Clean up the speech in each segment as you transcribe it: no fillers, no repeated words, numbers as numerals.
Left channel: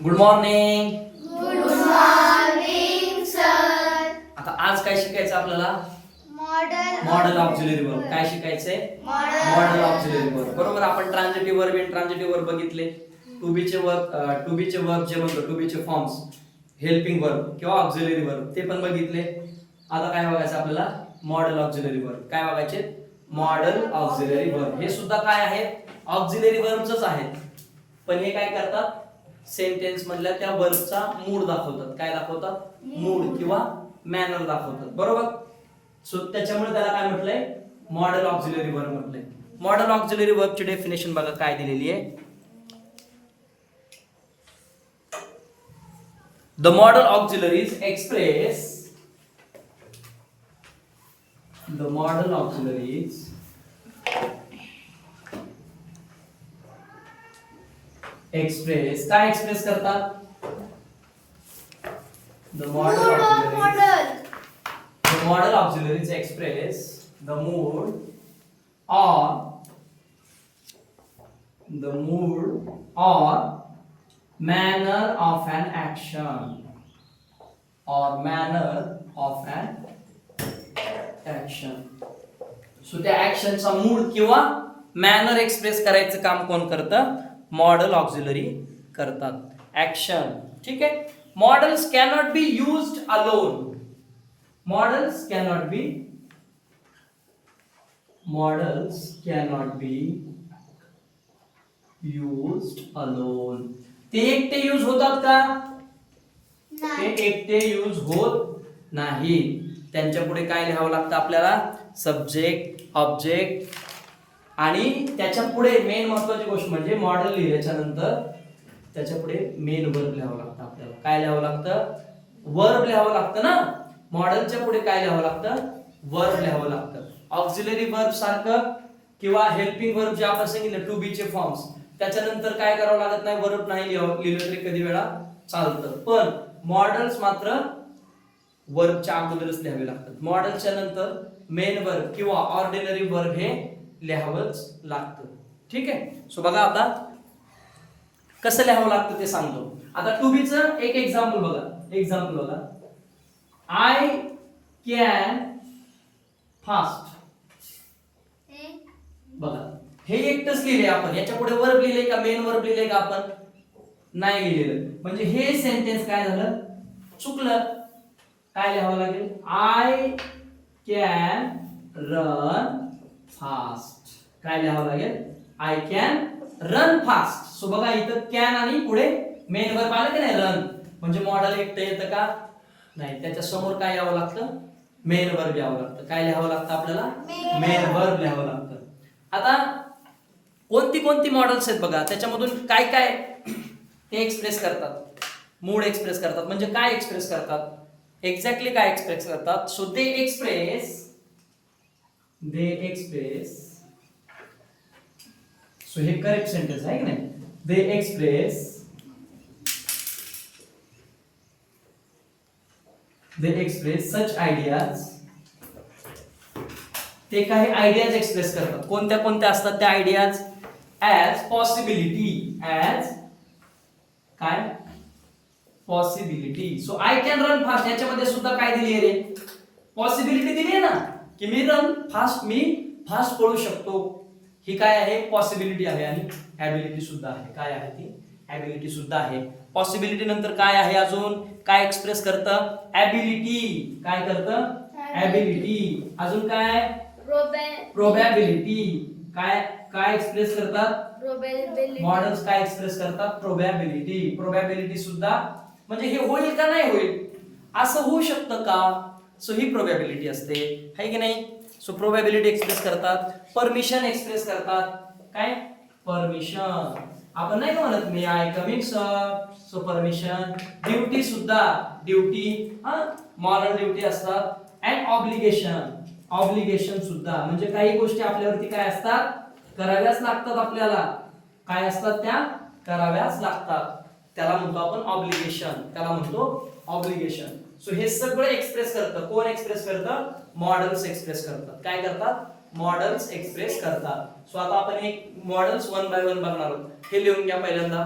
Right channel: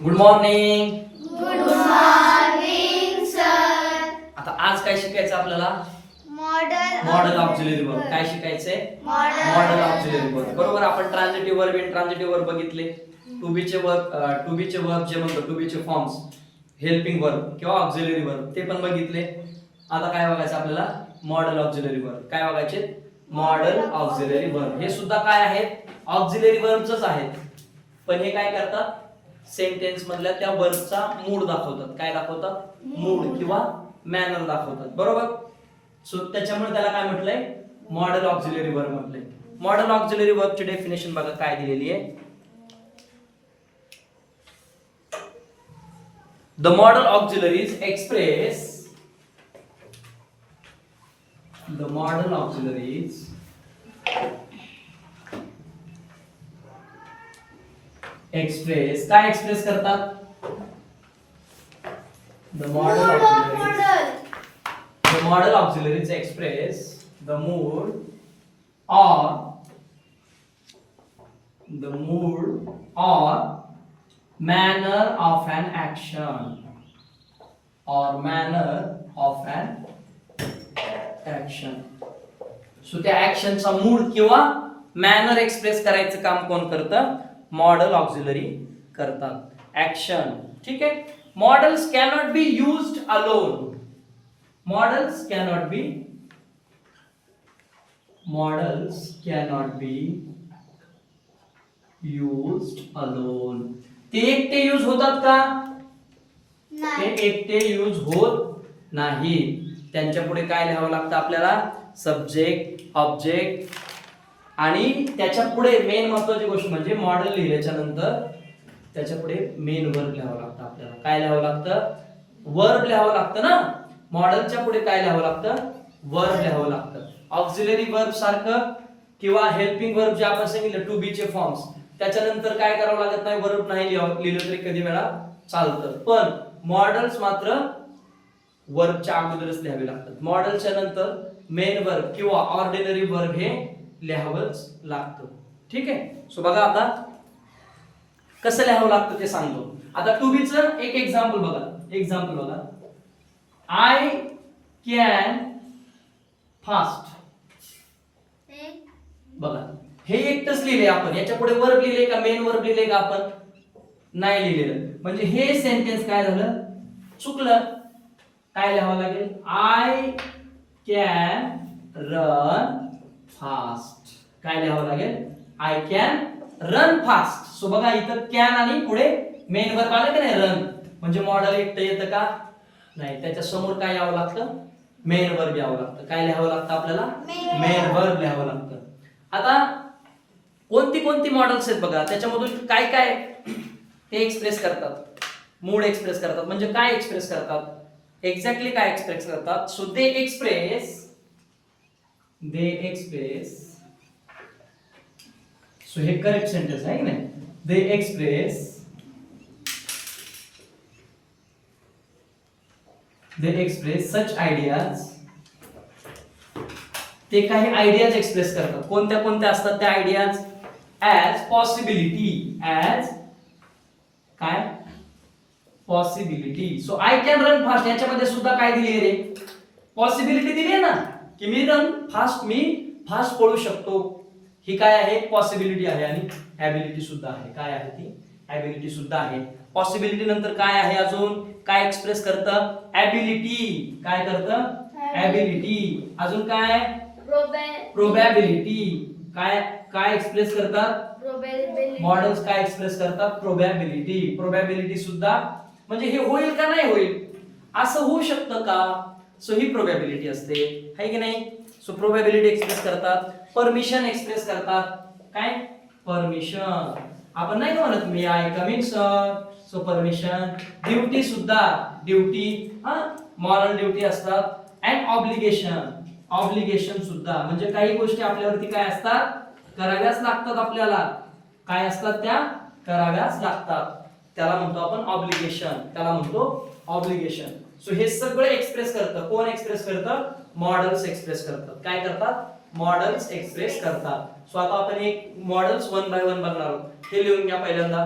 Good morning. Good morning sir. आता आज काय शिकायचं आपल्याला? Modal auxiliary verb. काय शिकायचंय? Modal auxiliary verb. बरोबर. आपण ट्रान्झिटिव्ह वर्ब, इनट्रान्झिटिव्ह वर्ब बघितले. टू बी चे वर्ब जे म्हणतो, टू बी चे फॉर्म्स, हेल्पिंग वर्ब किंवा ऑक्झिलरी वर्ब ते पण बघितले. आता काय बघायचं आपल्याला? Modal auxiliary verb. काय बघायचे? Modal auxiliary verb. हे सुद्धा काय आहेत? ऑक्झिलरी वर्बच आहेत. पण हे काय करतात? सेंटेन्स मधल्या त्या वर्बचा मूड दाखवतात. काय दाखवतात? मूड किंवा मॅनर दाखवतात. बरोबर. सो त्याच्यामुळे त्याला काय म्हटलंय? मॉडल ऑक्झिलरी वर्ब म्हटलंय. मॉडल ऑक्झिलरी वर्बची डेफिनेशन बघा काय दिलेली आहे. The model auxiliaries express काय एक्सप्रेस करतात? The model auxiliaries express the mood or manner of an action so त्या ऍक्शनचा मूड किंवा मॅनर एक्सप्रेस करायचं काम कोण करतं? मॉडल ऑक्झिलरी करतात. ऍक्शन. ठीक आहे. Models cannot be used alone. Models cannot be used alone. ते एकटे यूज होतात का? ते एकटे यूज होत नाही. त्यांच्या पुढे काय लिहावं लागतं आपल्याला? सब्जेक्ट, ऑब्जेक्ट आणि त्याच्या पुढे मेन महत्वाची गोष्ट म्हणजे मॉडेल लिहिल्याच्या नंतर त्याच्या पुढे मेन वर्ब लिहावं लागतं आपल्याला. काय लिहावं लागतं? वर्ब लिहावं लागतं ना. मॉडेलच्या पुढे काय लिहावं लागतं? वर्ब लिहावं लागतं. ऑक्झिलरी वर्ब सारखं किंवा हेल्पिंग वर्ब जे आपण सांगितलं टू बी चे फॉर्म्स, त्याच्यानंतर काय करावं लागत नाही. वर्ब नाही लिहिलं तरी कधी वेळा चालतं. पण मॉडेल्स मात्र वर्बच्या अगोदरच लिहावे लागतात. मॉडेलच्या नंतर मेन वर्ब किंवा ऑर्डिनरी वर्ब हे लिहावंच लागतं. ठीक आहे. सो बघा आता कसं लिहावं लागतं ते सांगतो. आता टू बी चं एक एक्झाम्पल बघा. I can fast. बघा हे एकटच लिहिले आपण. याच्या पुढे वर्ब लिहिले का मेन वर्ब लिहिले का आपण? नाही लिहिलेलं. म्हणजे हे सेंटेन्स काय झालं? चुकलं. काय लिहावं लागेल? I can run fast. काय लिहावं लागेल? I can run fast. So बघा इथं कॅन आणि पुढे मेन वर्ब आलं की नाही? रन. म्हणजे मॉडेल एकटं येतं का? नाही. त्याच्या समोर काय यावं लागतं? मेन वर्ब यावं लागतं. काय लिहावं लागतं आपल्याला? मेन वर्ब लिहावं लागतं. आता कोणती मॉडेल्स आहेत बघा. त्याच्यामधून काय ते एक्सप्रेस करतात? मूड एक्सप्रेस करतात. म्हणजे काय एक्सप्रेस करतात? एक्झॅक्टली काय एक्सप्रेस करतात? सो दे एक्सप्रेस सो हे करेक्ट सेंटेन्स आहे की नाही? दे एक्सप्रेस सच आयडियाज. ते काही आयडियाज एक्सप्रेस करतात. कोणत्या असतात त्या ideas? As possibility. So I can run fast याच्यामध्ये सुद्धा काय दिली रे? पॉसिबिलिटी दिली आहे ना, की मी फास्ट पळू शकतो. ही काय आहे? पॉसिबिलिटी आहे. आणि ॲबिलिटी सुद्धा आहे. काय आहे ती? ॲबिलिटी सुद्धा आहे. पॉसिबिलिटी नंतर काय आहे अजून? काय एक्सप्रेस करतं? ॲबिलिटी. काय करतं? ॲबिलिटी. अजून काय? प्रोबॅबिलिटी. काय एक्सप्रेस करतात? मॉडेल्स काय एक्सप्रेस करतात? प्रोबॅबिलिटी सुद्धा. म्हणजे हे होईल का नाही होईल, असं होऊ शकतं का? सो ही प्रोबॅबिलिटी असते, है की नाही? सो प्रोबॅबिलिटी एक्सप्रेस करतात. परमिशन एक्सप्रेस करतात. काय? परमिशन. आपण नाही म्हणत may I come in sir. So permission. Duty सुद्धा. मॉरल ड्युटी असतात. अँड ऑब्लिगेशन सुद्धा. म्हणजे काही गोष्टी आपल्यावरती काय असतात? कराव्याच लागतात आपल्याला. काय असतात त्या? कराव्याच लागतात. त्याला म्हणतो आपण ऑब्लिगेशन. सो हे सगळं एक्सप्रेस करतं. कोण एक्सप्रेस करतं? मॉडेल्स एक्सप्रेस करतात. काय करतात? मॉडेल्स एक्सप्रेस करतात. सो आता आपण एक मॉडेल्स वन बाय वन बघणार आहोत. हे लिहून घ्या पहिल्यांदा.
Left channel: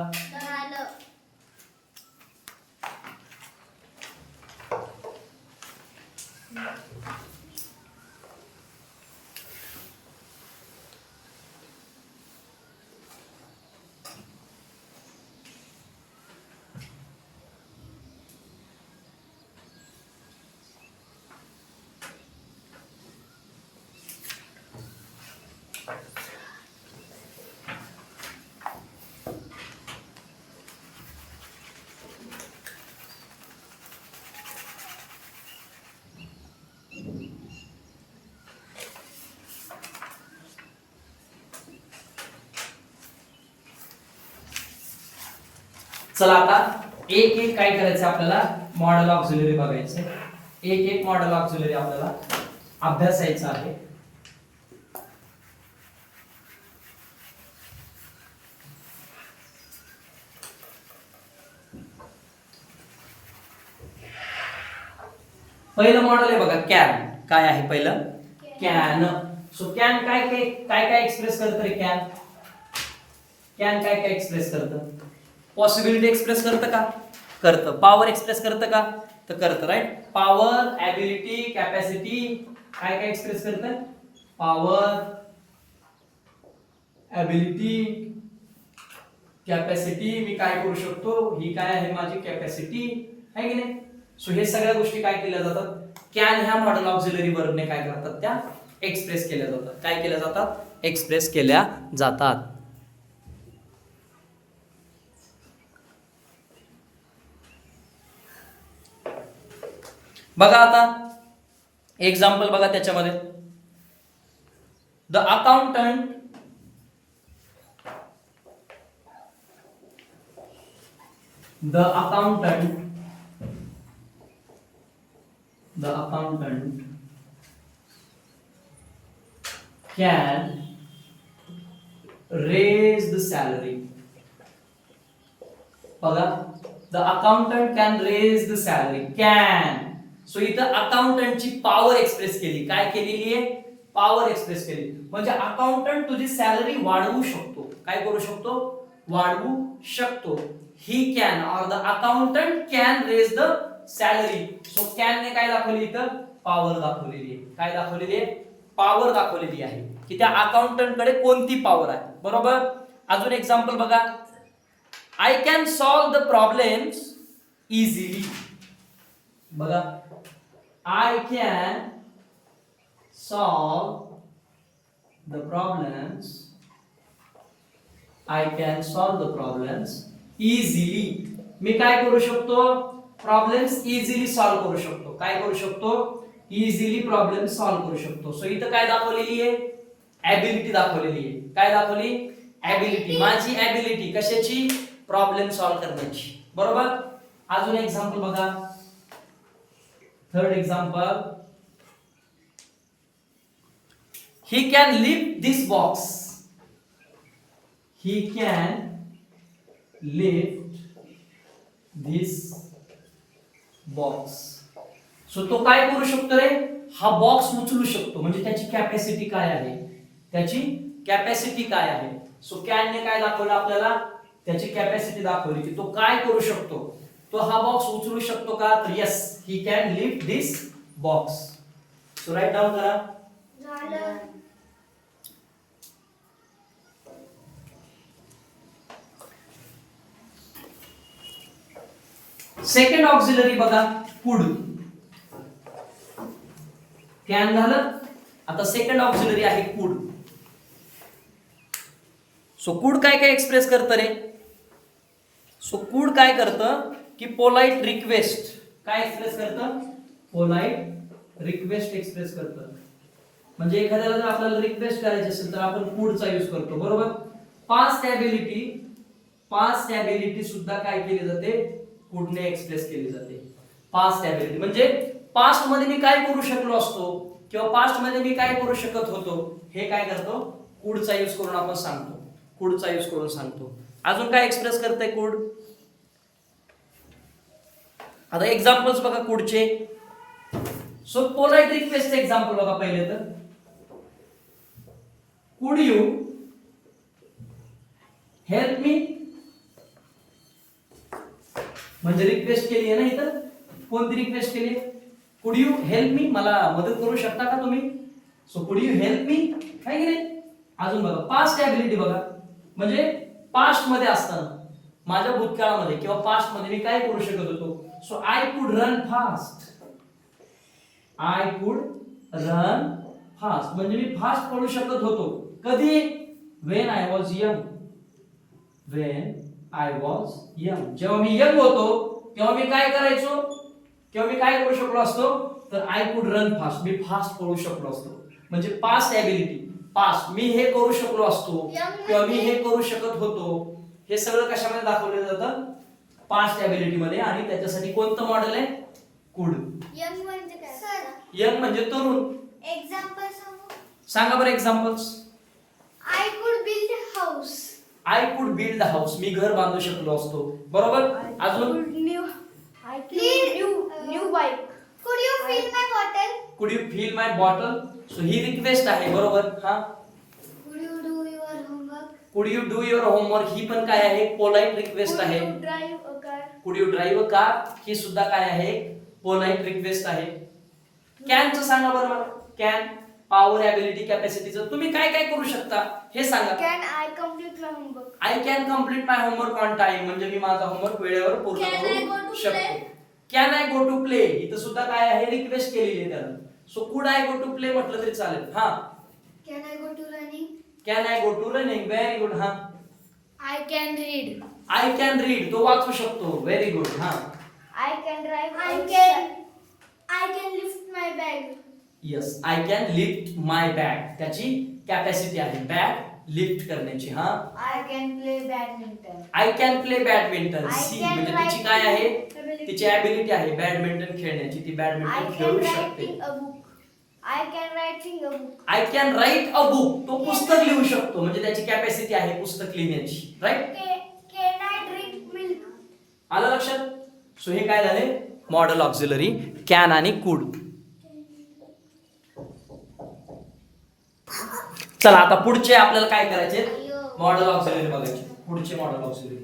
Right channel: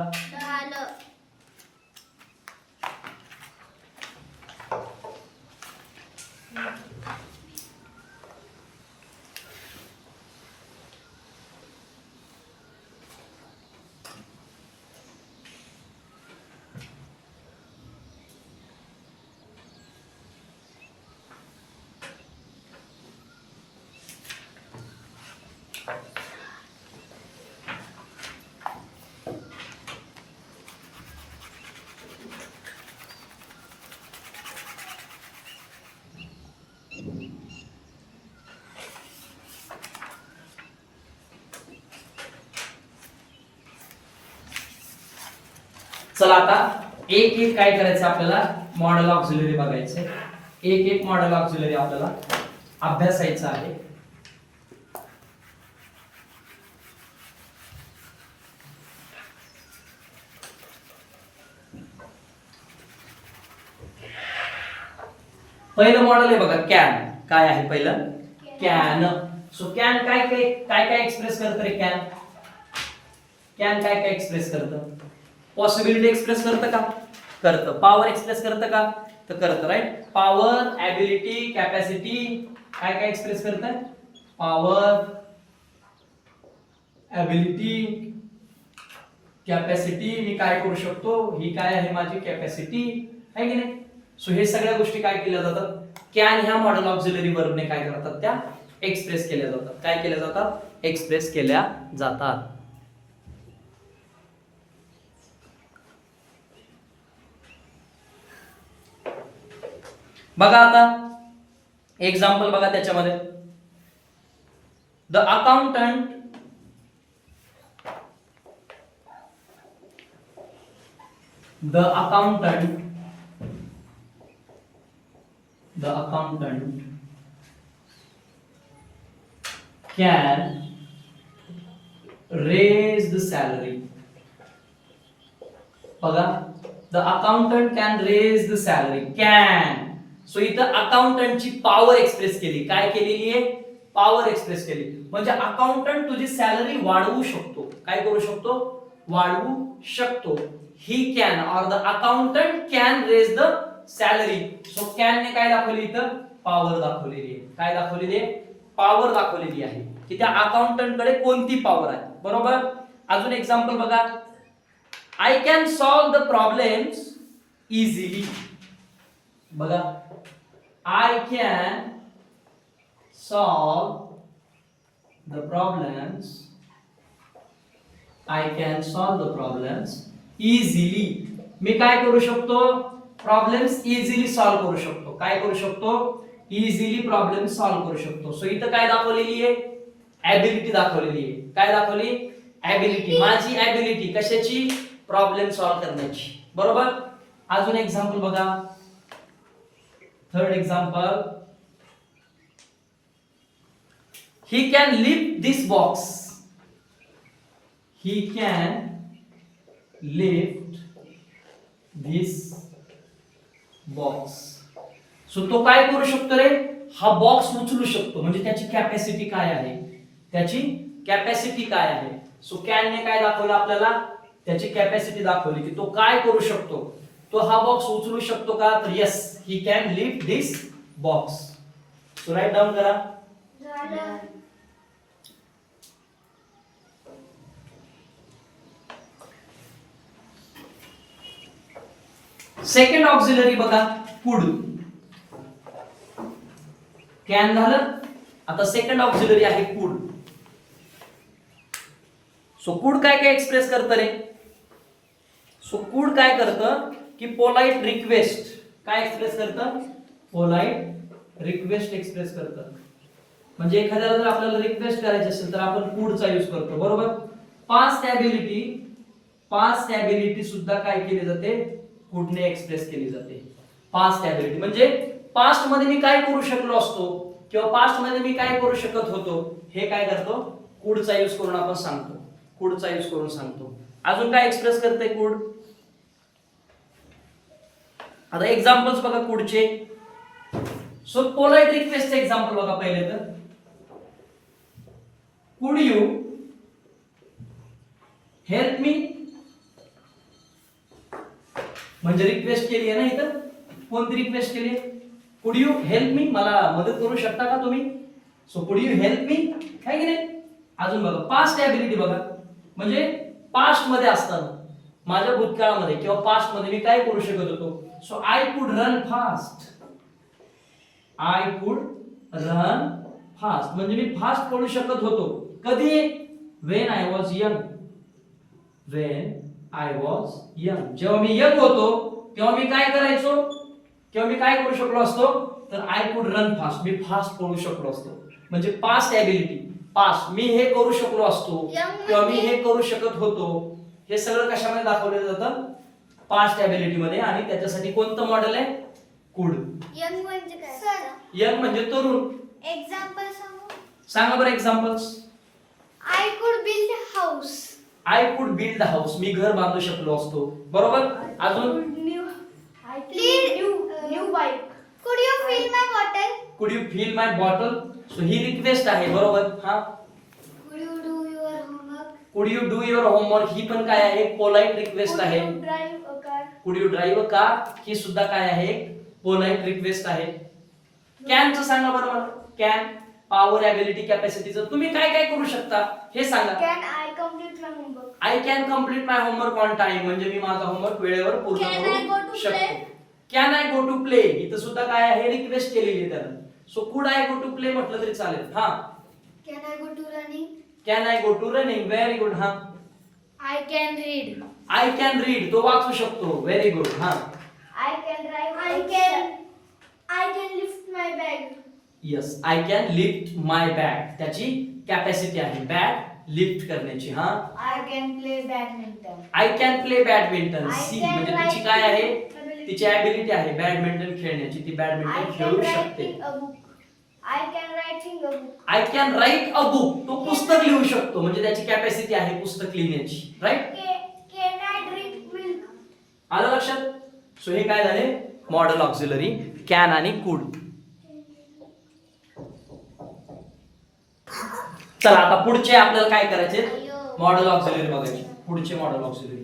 चला आता एक एक काय करायचं आपल्याला, मॉडेल ऑक्झिलरी बघायचे, एक एक मॉडेल ऑक्झिलरी आपल्याला अभ्यासायचं आहे. पहिलं मॉडेल आहे बघा कॅन. काय आहे पहिलं? कॅन. सो कॅन काय काय काय काय एक्सप्रेस करतं रे? कॅन कॅन काय काय एक्सप्रेस करतं? पॉसिबिलिटी एक्सप्रेस करतं का? करतं. पॉवर एक्सप्रेस करतं का? तर करतं. राईट. पॉवर, ॲबिलिटी, कॅपॅसिटी काय काय एक्सप्रेस करतं? Power, ability, capacity. मी काय करू शकतो, ही काय आहे माझी कॅपॅसिटी आहे की नाही. सो हे सगळ्या गोष्टी काय केल्या जातात, कॅन ह्या मॉडेल ऑक्झिलरी वर्बने काय करतात, त्या एक्सप्रेस केल्या जातात. काय केल्या जातात? एक्सप्रेस केल्या जातात. बघा आता एक्झाम्पल बघा त्याच्यामध्ये. The accountant can raise the salary. बघा, the accountant can raise the salary. Can. So इथं अकाउंटंटची पॉवर एक्सप्रेस केली. काय केलेली आहे? पॉवर एक्सप्रेस केली. म्हणजे अकाउंटंट तुझी सॅलरी वाढवू शकतो. काय करू शकतो? वाढवू शकतो. He can or the accountant can raise the salary. So can ने काय दाखवली इथं? पॉवर दाखवलेली आहे. काय दाखवलेली आहे? पॉवर दाखवलेली आहे की त्या अकाउंटंट कडे कोणती पॉवर आहे. बरोबर. अजून एक्झाम्पल बघा. I can solve the problems easily. बघा, I can solve the problems. I can solve the problems easily. मी काय करू शकतो? प्रॉब्लेम्स इझिली सॉल्व्ह करू शकतो. काय करू शकतो? इझिली प्रॉब्लेम सॉल्व्ह करू शकतो. सो इथं काय दाखवलेली आहे? ॲबिलिटी दाखवलेली आहे. काय दाखवली? ॲबिलिटी. माझी ॲबिलिटी कशाची? प्रॉब्लेम सॉल्व्ह करण्याची. बरोबर. अजून एक्झाम्पल बघा. Third example. He can lift this box. He can lift this box. So तो काय करू शकतो रे? हा बॉक्स उचलू शकतो. म्हणजे त्याची कॅपॅसिटी काय आहे? त्याची कॅपॅसिटी काय आहे? सो कॅनने काय दाखवलं आपल्याला? त्याची कॅपॅसिटी दाखवली की तो काय करू शकतो. तो हा बॉक्स उचलू शकतो का? तर yes, he can lift this box. So right down करा. झालं. सेकंड ऑक्झिलरी बघा, कुड. कॅन झालं. आता सेकंड ऑक्झिलरी आहे कुड. सो कुड काय काय एक्सप्रेस करतं रे? सो कुड काय करतं की पोलाइट रिक्वेस्ट. काय एक्सप्रेस करतं? पोलाइट रिक्वेस्ट एक्सप्रेस करतं. म्हणजे एखाद्याला जर आपल्याला रिक्वेस्ट करायची असेल तर आपण कुडचा यूज करतो. बरोबर. पास्ट ॲबिलिटी सुद्धा काय केली जाते? कुडने एक्सप्रेस केली जाते. पास्ट ॲबिलिटी म्हणजे पास्ट मध्ये मी काय करू शकलो असतो किंवा पास्ट मध्ये मी काय करू शकत होतो, हे काय करतो? कुडचा यूज करून आपण सांगतो. कुडचा यूज करून सांगतो. अजून काय एक्सप्रेस करते कुड? आता एक्झाम्पल्स बघा Kudache. So polite request example बघा पहिले तर. कुड यू हेल्प मी. म्हणजे रिक्वेस्ट केली आहे ना इथं. कोणती रिक्वेस्ट केली? कुड यू हेल्प मी. मला मदत करू शकता का तुम्ही? So could you help me, आहे की नाही. अजून बघा पास्ट ॲबिलिटी बघा. म्हणजे पास्ट मध्ये असताना, माझ्या भूतकाळामध्ये किंवा पास्ट मध्ये मी काय करू शकत होतो. So I could run fast. I could run fast म्हणजे मी फास्ट पळू शकत होतो. कधी? When I was young. When I was young. जेव्हा मी यंग होतो तेव्हा मी काय करायचो? तेव्हा मी काय करू शकलो असतो? तर I could run fast. Me fast पळू शकलो असतो. म्हणजे पास्ट ॲबिलिटी. पास्ट मी हे करू शकलो असतो किंवा मी हे करू शकत होतो. हे सगळं कशामध्ये दाखवलं जातं? पास्ट एबिलिटी मध्ये, आणि त्याच्यासाठी कोणतं मॉडेल आहे? कुड. यंग म्हणजे काय सर? यंग म्हणजे तरुण. एक्झाम्पल सांगू? सांगा बरं examples. I could build house. I could build house, मी घर बांधू शकलो असतो. बरोबर. अजून new bike. Could you fill my bottle? Could you fill my bottle, so ही रिक्वेस्ट आहे. बरोबर. हा. Could you do your homework? Could you do your homework, ही पण काय आहे? पोलाइट रिक्वेस्ट आहे. Drive a car? Could you drive a car, ही सुद्धा काय आहे? पोलाइट रिक्वेस्ट आहे. कॅनचं सांगा बरं मला. कॅन, पॉवर, एबिलिटी, कॅपॅसिटीचं तुम्ही काय काय करू शकता हे सांगा. Can I complete my homework? I can complete my homework on time, म्हणजे मी माझा होमवर्क वेळेवर पूर्ण Can I go करू to शकतो. play? Can I go to play, इथं सुद्धा काय आहे? रिक्वेस्ट केलेली आहे त्यानं. So could I go to play म्हटलं तरी चालेल. हा. Can I go to running? Can I go to running, very good. हा. I can read? I can read, तो वाचू शकतो. Very good. हा. I can drive? I can lift my bag? Yes, I can lift my bag, त्याची capacity आहे bag lift करण्याची. हा. I can play badminton? I can play badminton, I see can म्हणजे तिची write काय आहे? ability. तिची ॲबिलिटी आहे बॅडमिंटन खेळण्याची, ती आय बॅडमिंटन कॅन खेळू राईट शकते. A book? I can writing a book? I can write a book, तो पुस्तक लिहू शकतो, म्हणजे त्याची कॅपॅसिटी आहे पुस्तक लिहिण्याची. Right. Can I drink milk? आलं लक्षात? सो हे काय झाले? मॉडेल ऑक्झिलरी, कॅन आणि कुड. चला आता पुढचे आपल्याला काय करायचे? मॉडेल ऑक्झिलरी बघायचे. पुढचे मॉडेल ऑक्झिलरी.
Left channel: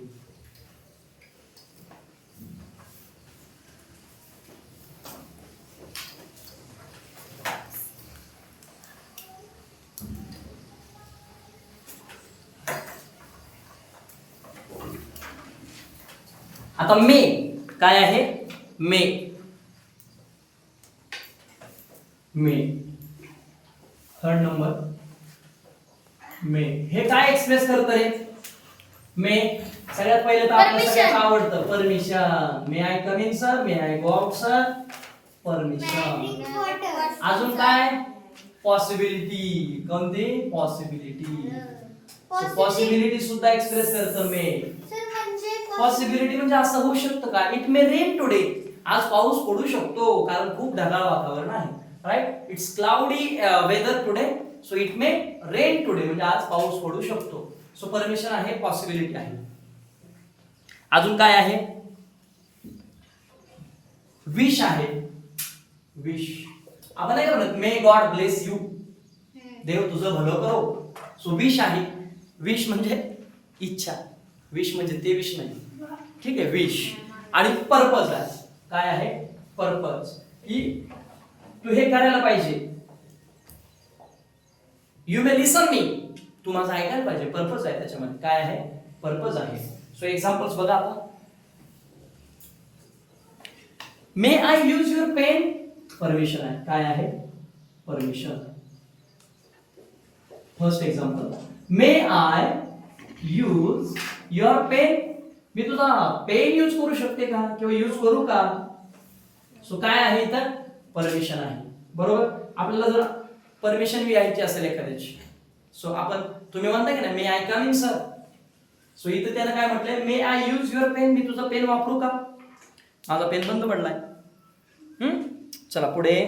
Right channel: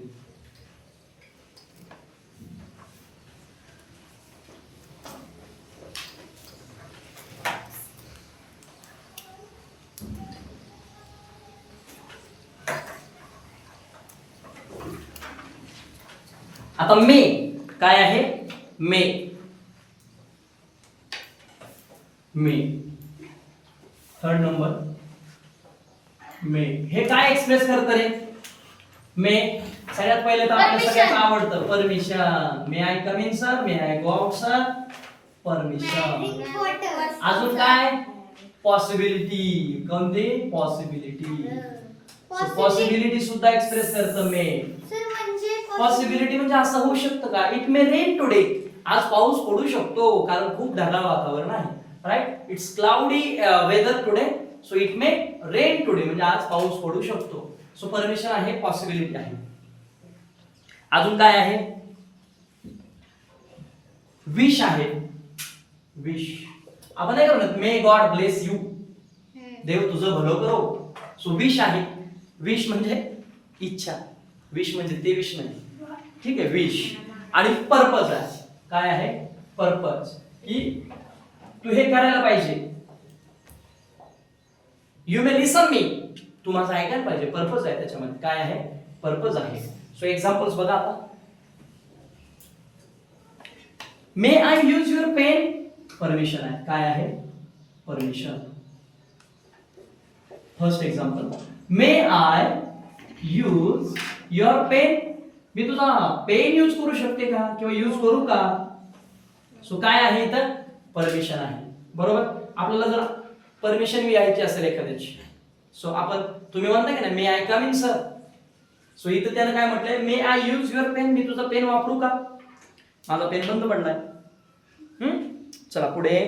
आता मे काय आहे? मे. मे थर्ड नंबर. मे हे काय एक्सप्रेस करत रे? मे सगळ्यात पहिले तर आपल्याला Permission. सगळ्यात आवडतं permission. May I come in sir, may I go out sir, permission. अजून काय? पॉसिबिलिटी. कोणती? पॉसिबिलिटी. पॉसिबिलिटी सुद्धा एक्सप्रेस करतं मे. सर म्हणजे पॉसिबिलिटी म्हणजे असं होऊ शकतं का? इट मे रेन टुडे, आज पाऊस पडू शकतो कारण खूप ढगाळ वातावरण आहे. Right. It's cloudy weather today, so it may rain today, म्हणजे आज पाऊस पडू शकतो. सो परमिशन आहे, पॉसिबिलिटी आहे. अजून काय आहे? विश आहे. विश. आपण नाही का म्हणत मे गॉड ब्लेस यू, देव तुझं भलं करो. सो विश आहे. विश म्हणजे इच्छा. विश म्हणजे ते विश नाही. ठीक आहे. विश. आणि पर्पज आहे. काय आहे? पर्पज, की तू हे करायला पाहिजे. यू मे लिसन मी, तू माझं ऐकायला पाहिजे. पर्पज आहे त्याच्यामध्ये. काय आहे? पर्पज आहे. सो एक्झाम्पल्स बघा आता. May I use your pen, permission आहे. काय आहे? Permission. First example, may I use your pen, मी तुझा पेन यूज करू शकते का किंवा यूज करू का? सो काय आहे इथं? परमिशन आहे. बरोबर. आपल्याला जर परमिशन घ्यायची असेल एखाद्याची, सो आपण तुम्ही म्हणता की नाही may I come in sir, so इथं त्यानं काय म्हटलंय? May I use your pen, मी तुझा पेन वापरू का? माझा पेन बंद पडलाय. चला पुढे.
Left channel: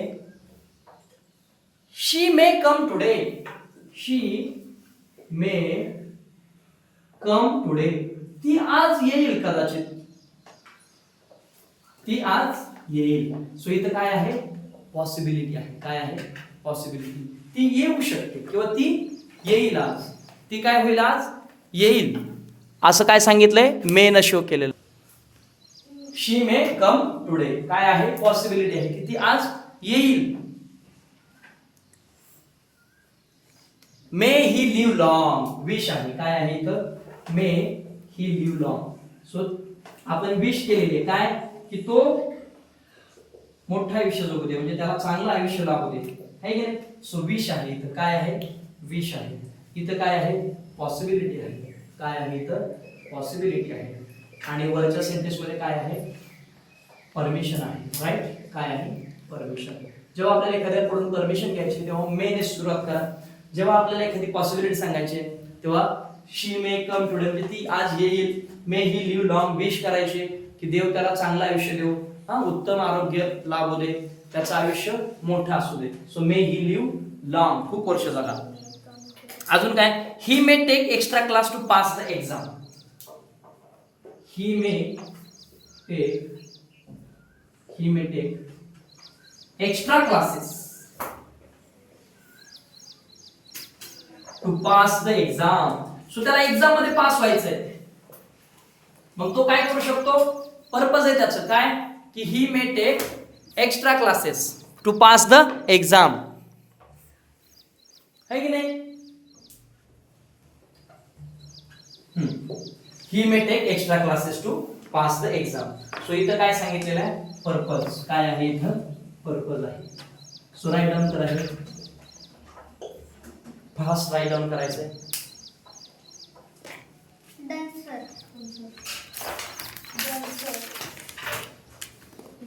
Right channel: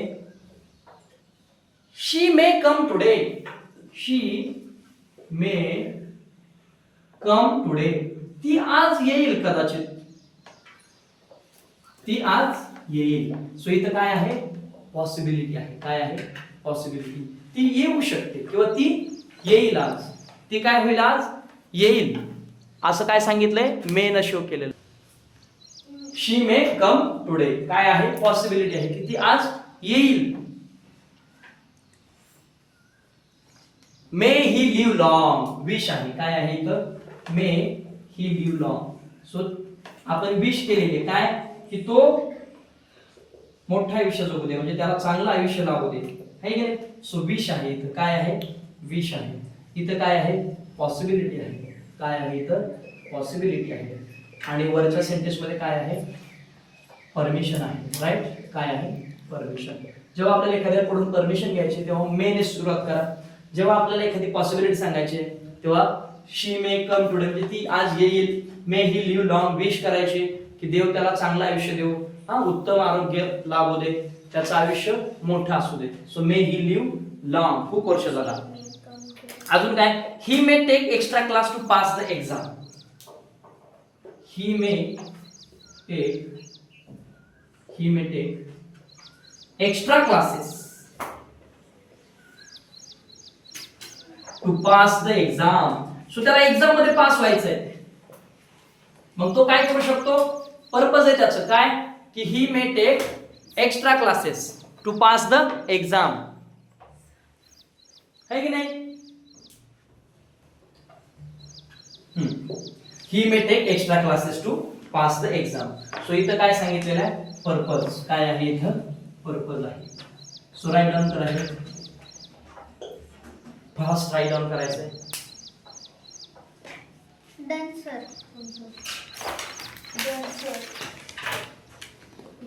She may come today, she may come today, ती आज येईल कदाचित, ती आज येईल. सो इथं काय आहे? पॉसिबिलिटी आहे. काय आहे? पॉसिबिलिटी. ती येऊ शकते किंवा ती येईल आज. ती काय होईल? आज येईल. असं काय सांगितलंय? मे न शो केलेलं. शी मे कम टुडे काय आहे? पॉसिबिलिटी आहे की ती आज येईल. मे ही लिव्ह लॉंग, विश आहे. काय आहे इथं? मे ही लिव्ह लॉंग. सो आपण विश केलेले काय? की तो मोठं आयुष्य जगू दे, म्हणजे त्याला चांगलं आयुष्य लाभू दे. आहे की नाही? सो विश आहे इथं. काय आहे? विश आहे. इथं काय आहे? पॉसिबिलिटी आहे. काय आहे इथं? पॉसिबिलिटी आहे. आणि वरच्या सेंटेन्स मध्ये काय आहे? परमिशन आहे. राईट. काय आहे? परमिशन. जेव्हा आपल्याला एखाद्याकडून परमिशन घ्यायची तेव्हा मे ने सुरुवात करा. जेव्हा आपल्याला एखादी पॉसिबिलिटी सांगायची तेव्हा शी मे कम टुडे, म्हणजे ती आज येईल. मे ही लिव्ह लॉंग, विश करायची. की देव त्याला चांगलं आयुष्य देऊ, उत्तम आरोग्य लाभू दे, त्याचं आयुष्य मोठं असू दे. So may he live long, खूप वर्ष जगा. अजून काय, he may take extra class to pass the exam. He may take extra classes to pass the exam. So त्याला एक्झाम मध्ये पास व्हायचंय. मग तो काय करू शकतो, पर्पज आहे त्याचं काय, की he may take extra classes to pass the exam, है की नाही. He may take extra classes to pass the exam. So इथं काय सांगितलेलं आहे, पर्पज काय आहे, इथं पर्पज आहे. सो राईट डाऊन करायचं, फास्ट राईट डाऊन करायचंय. Done, sir. Done, sir.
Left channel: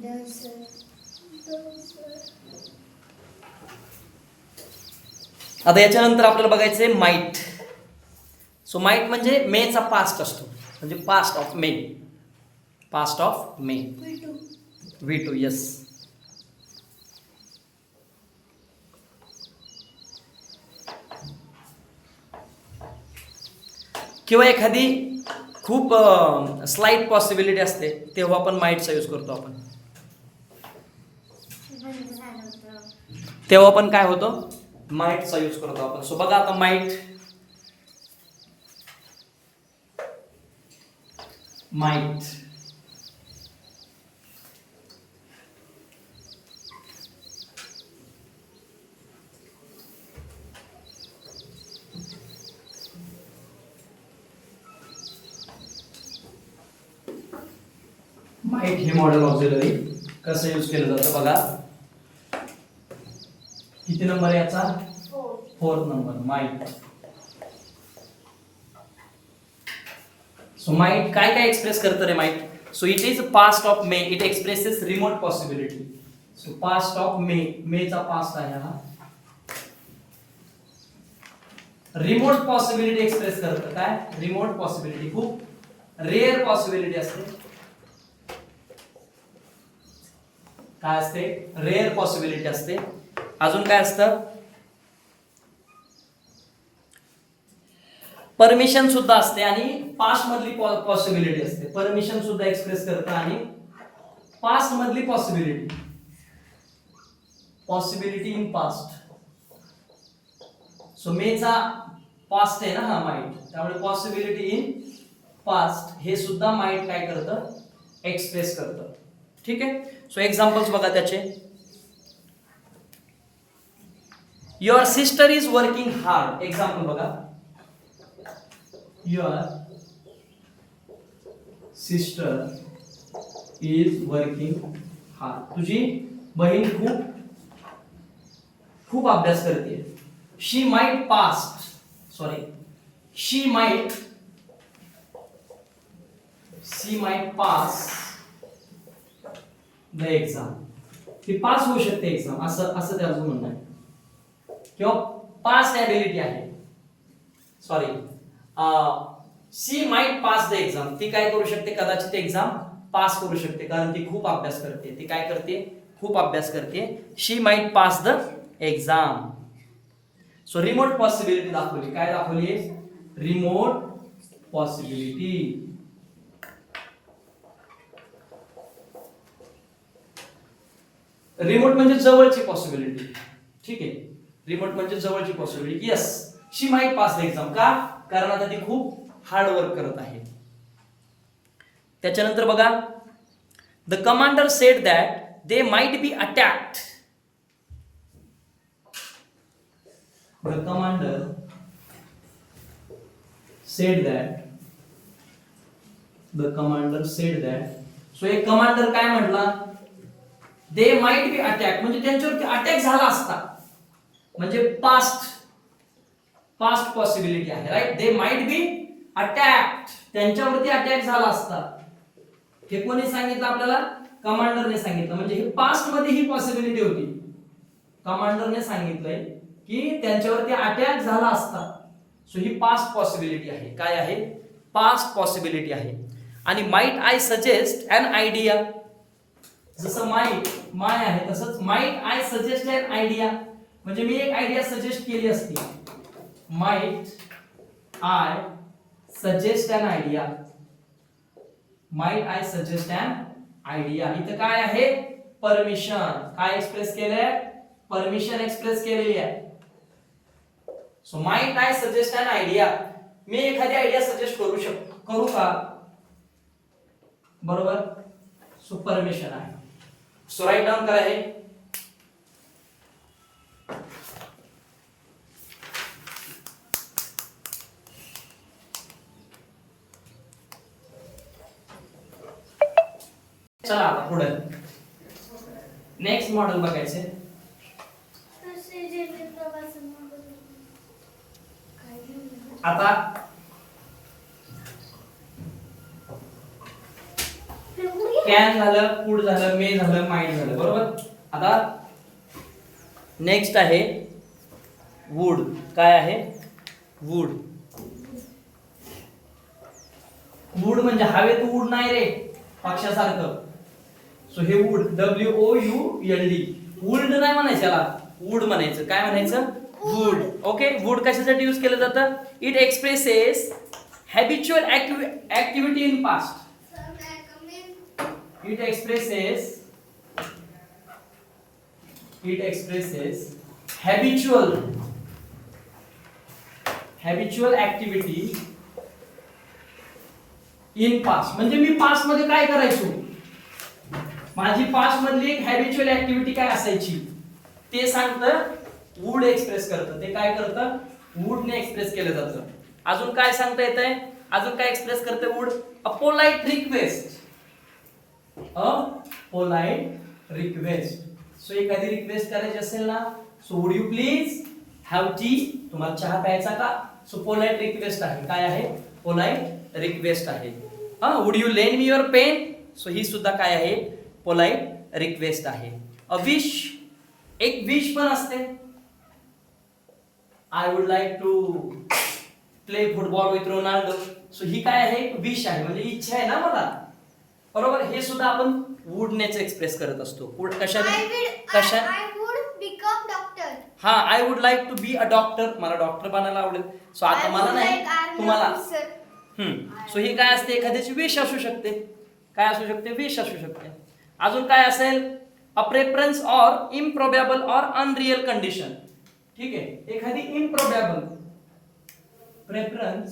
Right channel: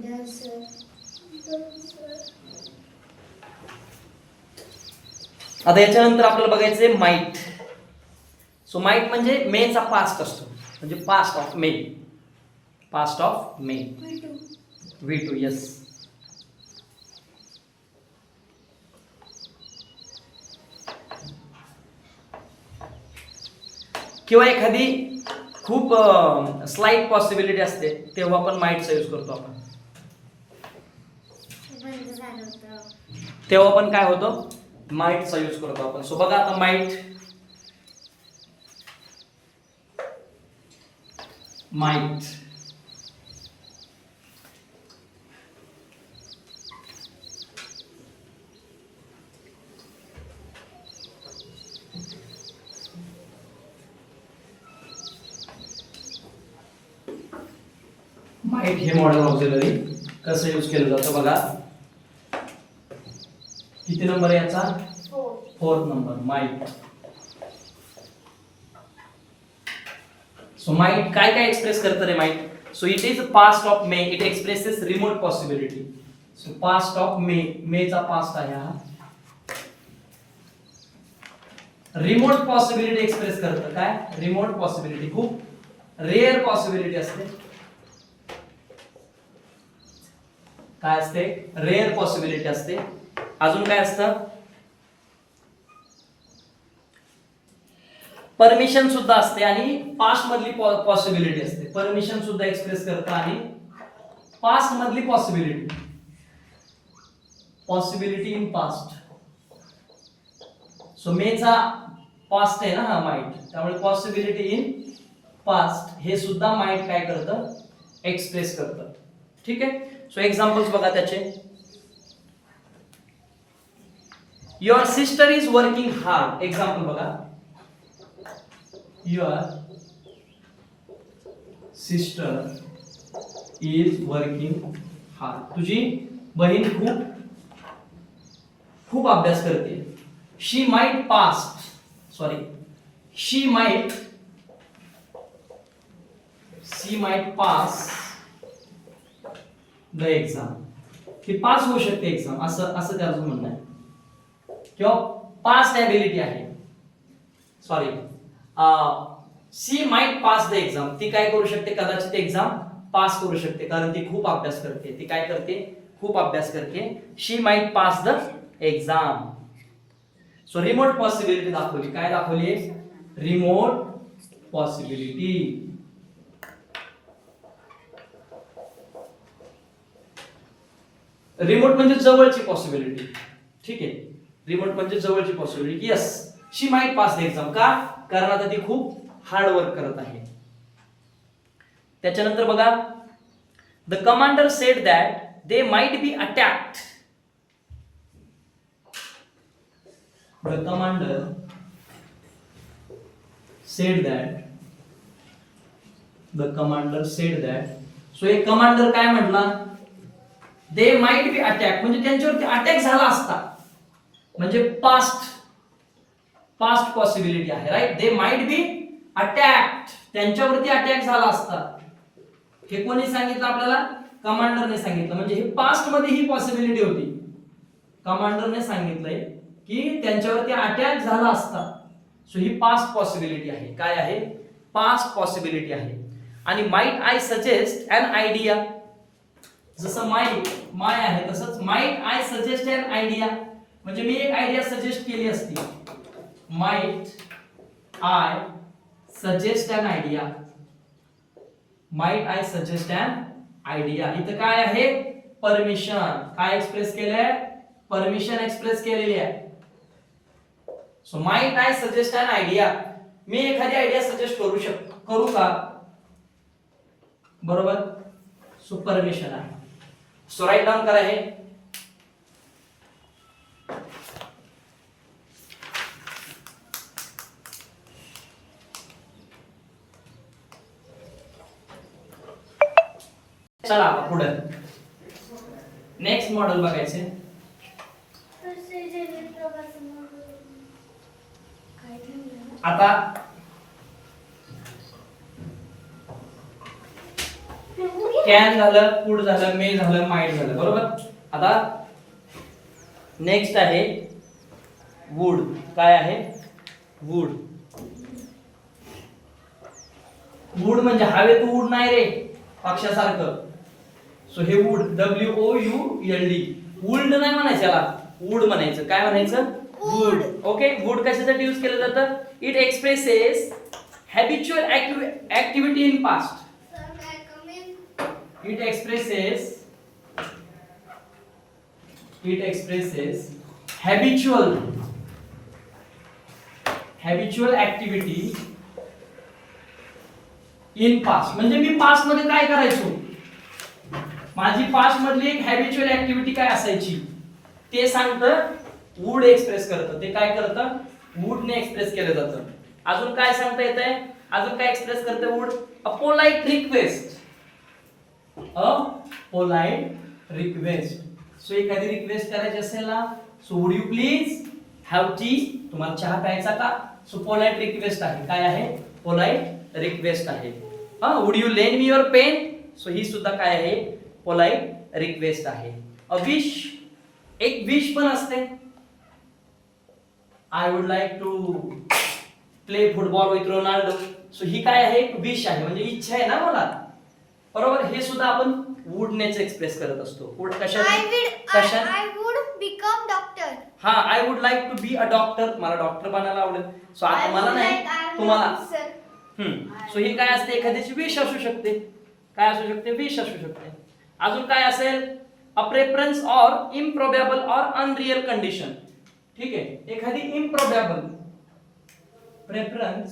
Done, sir. Done, sir. आता याच्यानंतर आपल्याला बघायचंय माइट. सो माइट म्हणजे मेचा पास्ट असतो, म्हणजे past of may, past of may. V2 yes. किंवा एखादी खूप स्लाइट पॉसिबिलिटी असते तेव्हा आपण माइटचा यूज करतो आपण. तेव्हा पण काय होतं, माइटचा यूज करतो आपण. सो बघा आता माइट, माइट माइट हे मॉडर्न ऑक्झिलरी कसं यूज केलं जातं बघा. किती नंबर आहे याचा, 4th number, might. So might काय काय एक्सप्रेस करतं रे might. So it is past of may, it expresses remote possibility. So past of may, मेचा पास्ट आहे हा. रिमोट पॉसिबिलिटी एक्सप्रेस करतं काय, रिमोट पॉसिबिलिटी, खूप रेअर पॉसिबिलिटी असते. काय असते, रेअर पॉसिबिलिटी असते. अजून काय असतं, परमिशन सुद्धा असते आणि पास्ट मधली पॉसिबिलिटी असते. परमिशन सुद्धा एक्सप्रेस करतं आणि पास्ट मधली possibility, possibility in past. So मेचा पास्ट आहे ना हा माइट, त्यामुळे पॉसिबिलिटी इन पास्ट हे सुद्धा माइट काय करतं, एक्सप्रेस करतं. ठीक आहे. सो एक्झाम्पल्स बघा त्याचे. Your sister is working hard. Example बघा, your sister is working hard. तुझी बहीण खूप अभ्यास करते. She might pass the exam. ती पास होऊ शकते एक्झाम, असं त्याचं म्हणणं आहे. किंवा पास्ट एबिलिटी आहे, sorry, she might pass the exam. ती काय करू शकते, कदाचित एक्झाम पास करू शकते, कारण ती खूप अभ्यास करते. ती काय करते, खूप अभ्यास करते. She might pass the exam. So remote possibility दाखवली. काय दाखवली, रिमोट पॉसिबिलिटी. रिमोट म्हणजे जवळची पॉसिबिलिटी. ठीक आहे, रिमोट म्हणजे जवळची possibility. Yes, she might pass the exam. का, कारण आता ती खूप हार्ड वर्क करत आहे. त्याच्यानंतर बघा, the commander sed that they might be attacked. The commander sed that. So एक कमांडर काय म्हटला, दे माइट बी अटॅक, म्हणजे त्यांच्यावरती अटॅक झाला असता, म्हणजे पास्ट पॉसिबिलिटी आहे. Right, they might be attacked, त्यांच्यावरती अटॅक झाला असता. हे कोणी सांगितलं आपल्याला, कमांडरने सांगितलं. म्हणजे हे पास्ट मध्ये ही पॉसिबिलिटी होती. कमांडरने सांगितलंय की त्यांच्यावरती अटॅक झाला असता. सो ही पास्ट पॉसिबिलिटी आहे. काय आहे, पास्ट पॉसिबिलिटी आहे. आणि might I suggest an idea, जसं माय आहे तसंच might I suggest an idea, म्हणजे मी एक आयडिया सजेस्ट केली असती. Might I suggest an idea, might I suggest an idea. इथं काय आहे, परमिशन. काय एक्सप्रेस केलंय, परमिशन एक्सप्रेस केलेली आहे. So might I suggest an idea, मी एखादी आयडिया सजेस्ट करू का, बरोबर. सो परमिशन आहे. सो राईट डाऊन करा हे. चला आता पुढे नेक्स्ट मॉडेल बघायचे. आता कॅन झालं, कुड झालं, मे झालं, माइट झालं, बरोबर. आता नेक्स्ट आहे वुड. काय आहे, वुड. वुड म्हणजे हवेत उड नाही रे, पक्षासारखं. सो हे वुड, WOULD, वुल्ड नाही म्हणायचं याला, वुड म्हणायचं. काय म्हणायचं, वुड. ओके. वुड कशासाठी यूज केलं जातं, it expresses habitual activity in past. It expresses habitual activity in past. म्हणजे मी पास्ट मध्ये काय करायचो, माझी पास्ट मधली एक हॅबिच्युअल ऍक्टिव्हिटी काय असायची ते सांगतं, वुड एक्सप्रेस करतं. ते काय करतं, वुडने एक्सप्रेस केलं जातं. अजून काय सांगता येतंय, अजून काय एक्सप्रेस करते would, a polite request. A polite request. So एखादी रिक्वेस्ट करायची असेल ना, so would you please have T, तुम्हाला चहा प्यायचा का. सो पोलाइट रिक्वेस्ट आहे. काय आहे, पोलाइट रिक्वेस्ट आहे. Would you lend me your pen, so ही सुद्धा काय आहे, पोलाइट रिक्वेस्ट आहे. अ विश, एक विश पण असते. I would like to play football with Ronaldo, so ही काय आहे, विश आहे, म्हणजे इच्छा आहे ना मला, बरोबर. हे सुद्धा आपण वुडनेच एक्सप्रेस करत असतो. वुड कशाने, I would become doctor. हा, I would like to be a doctor, मला डॉक्टर बनायला आवडेल. सो आता मला नाही, तुम्हाला. सो ही काय असते, एखाद्याची विश असू शकते. काय असू शकते, विश असू शकते. अजून काय असेल, a preference or improbable or unreal condition. ठीक आहे, एखादी इम्प्रोबेबल, प्रेफरन्स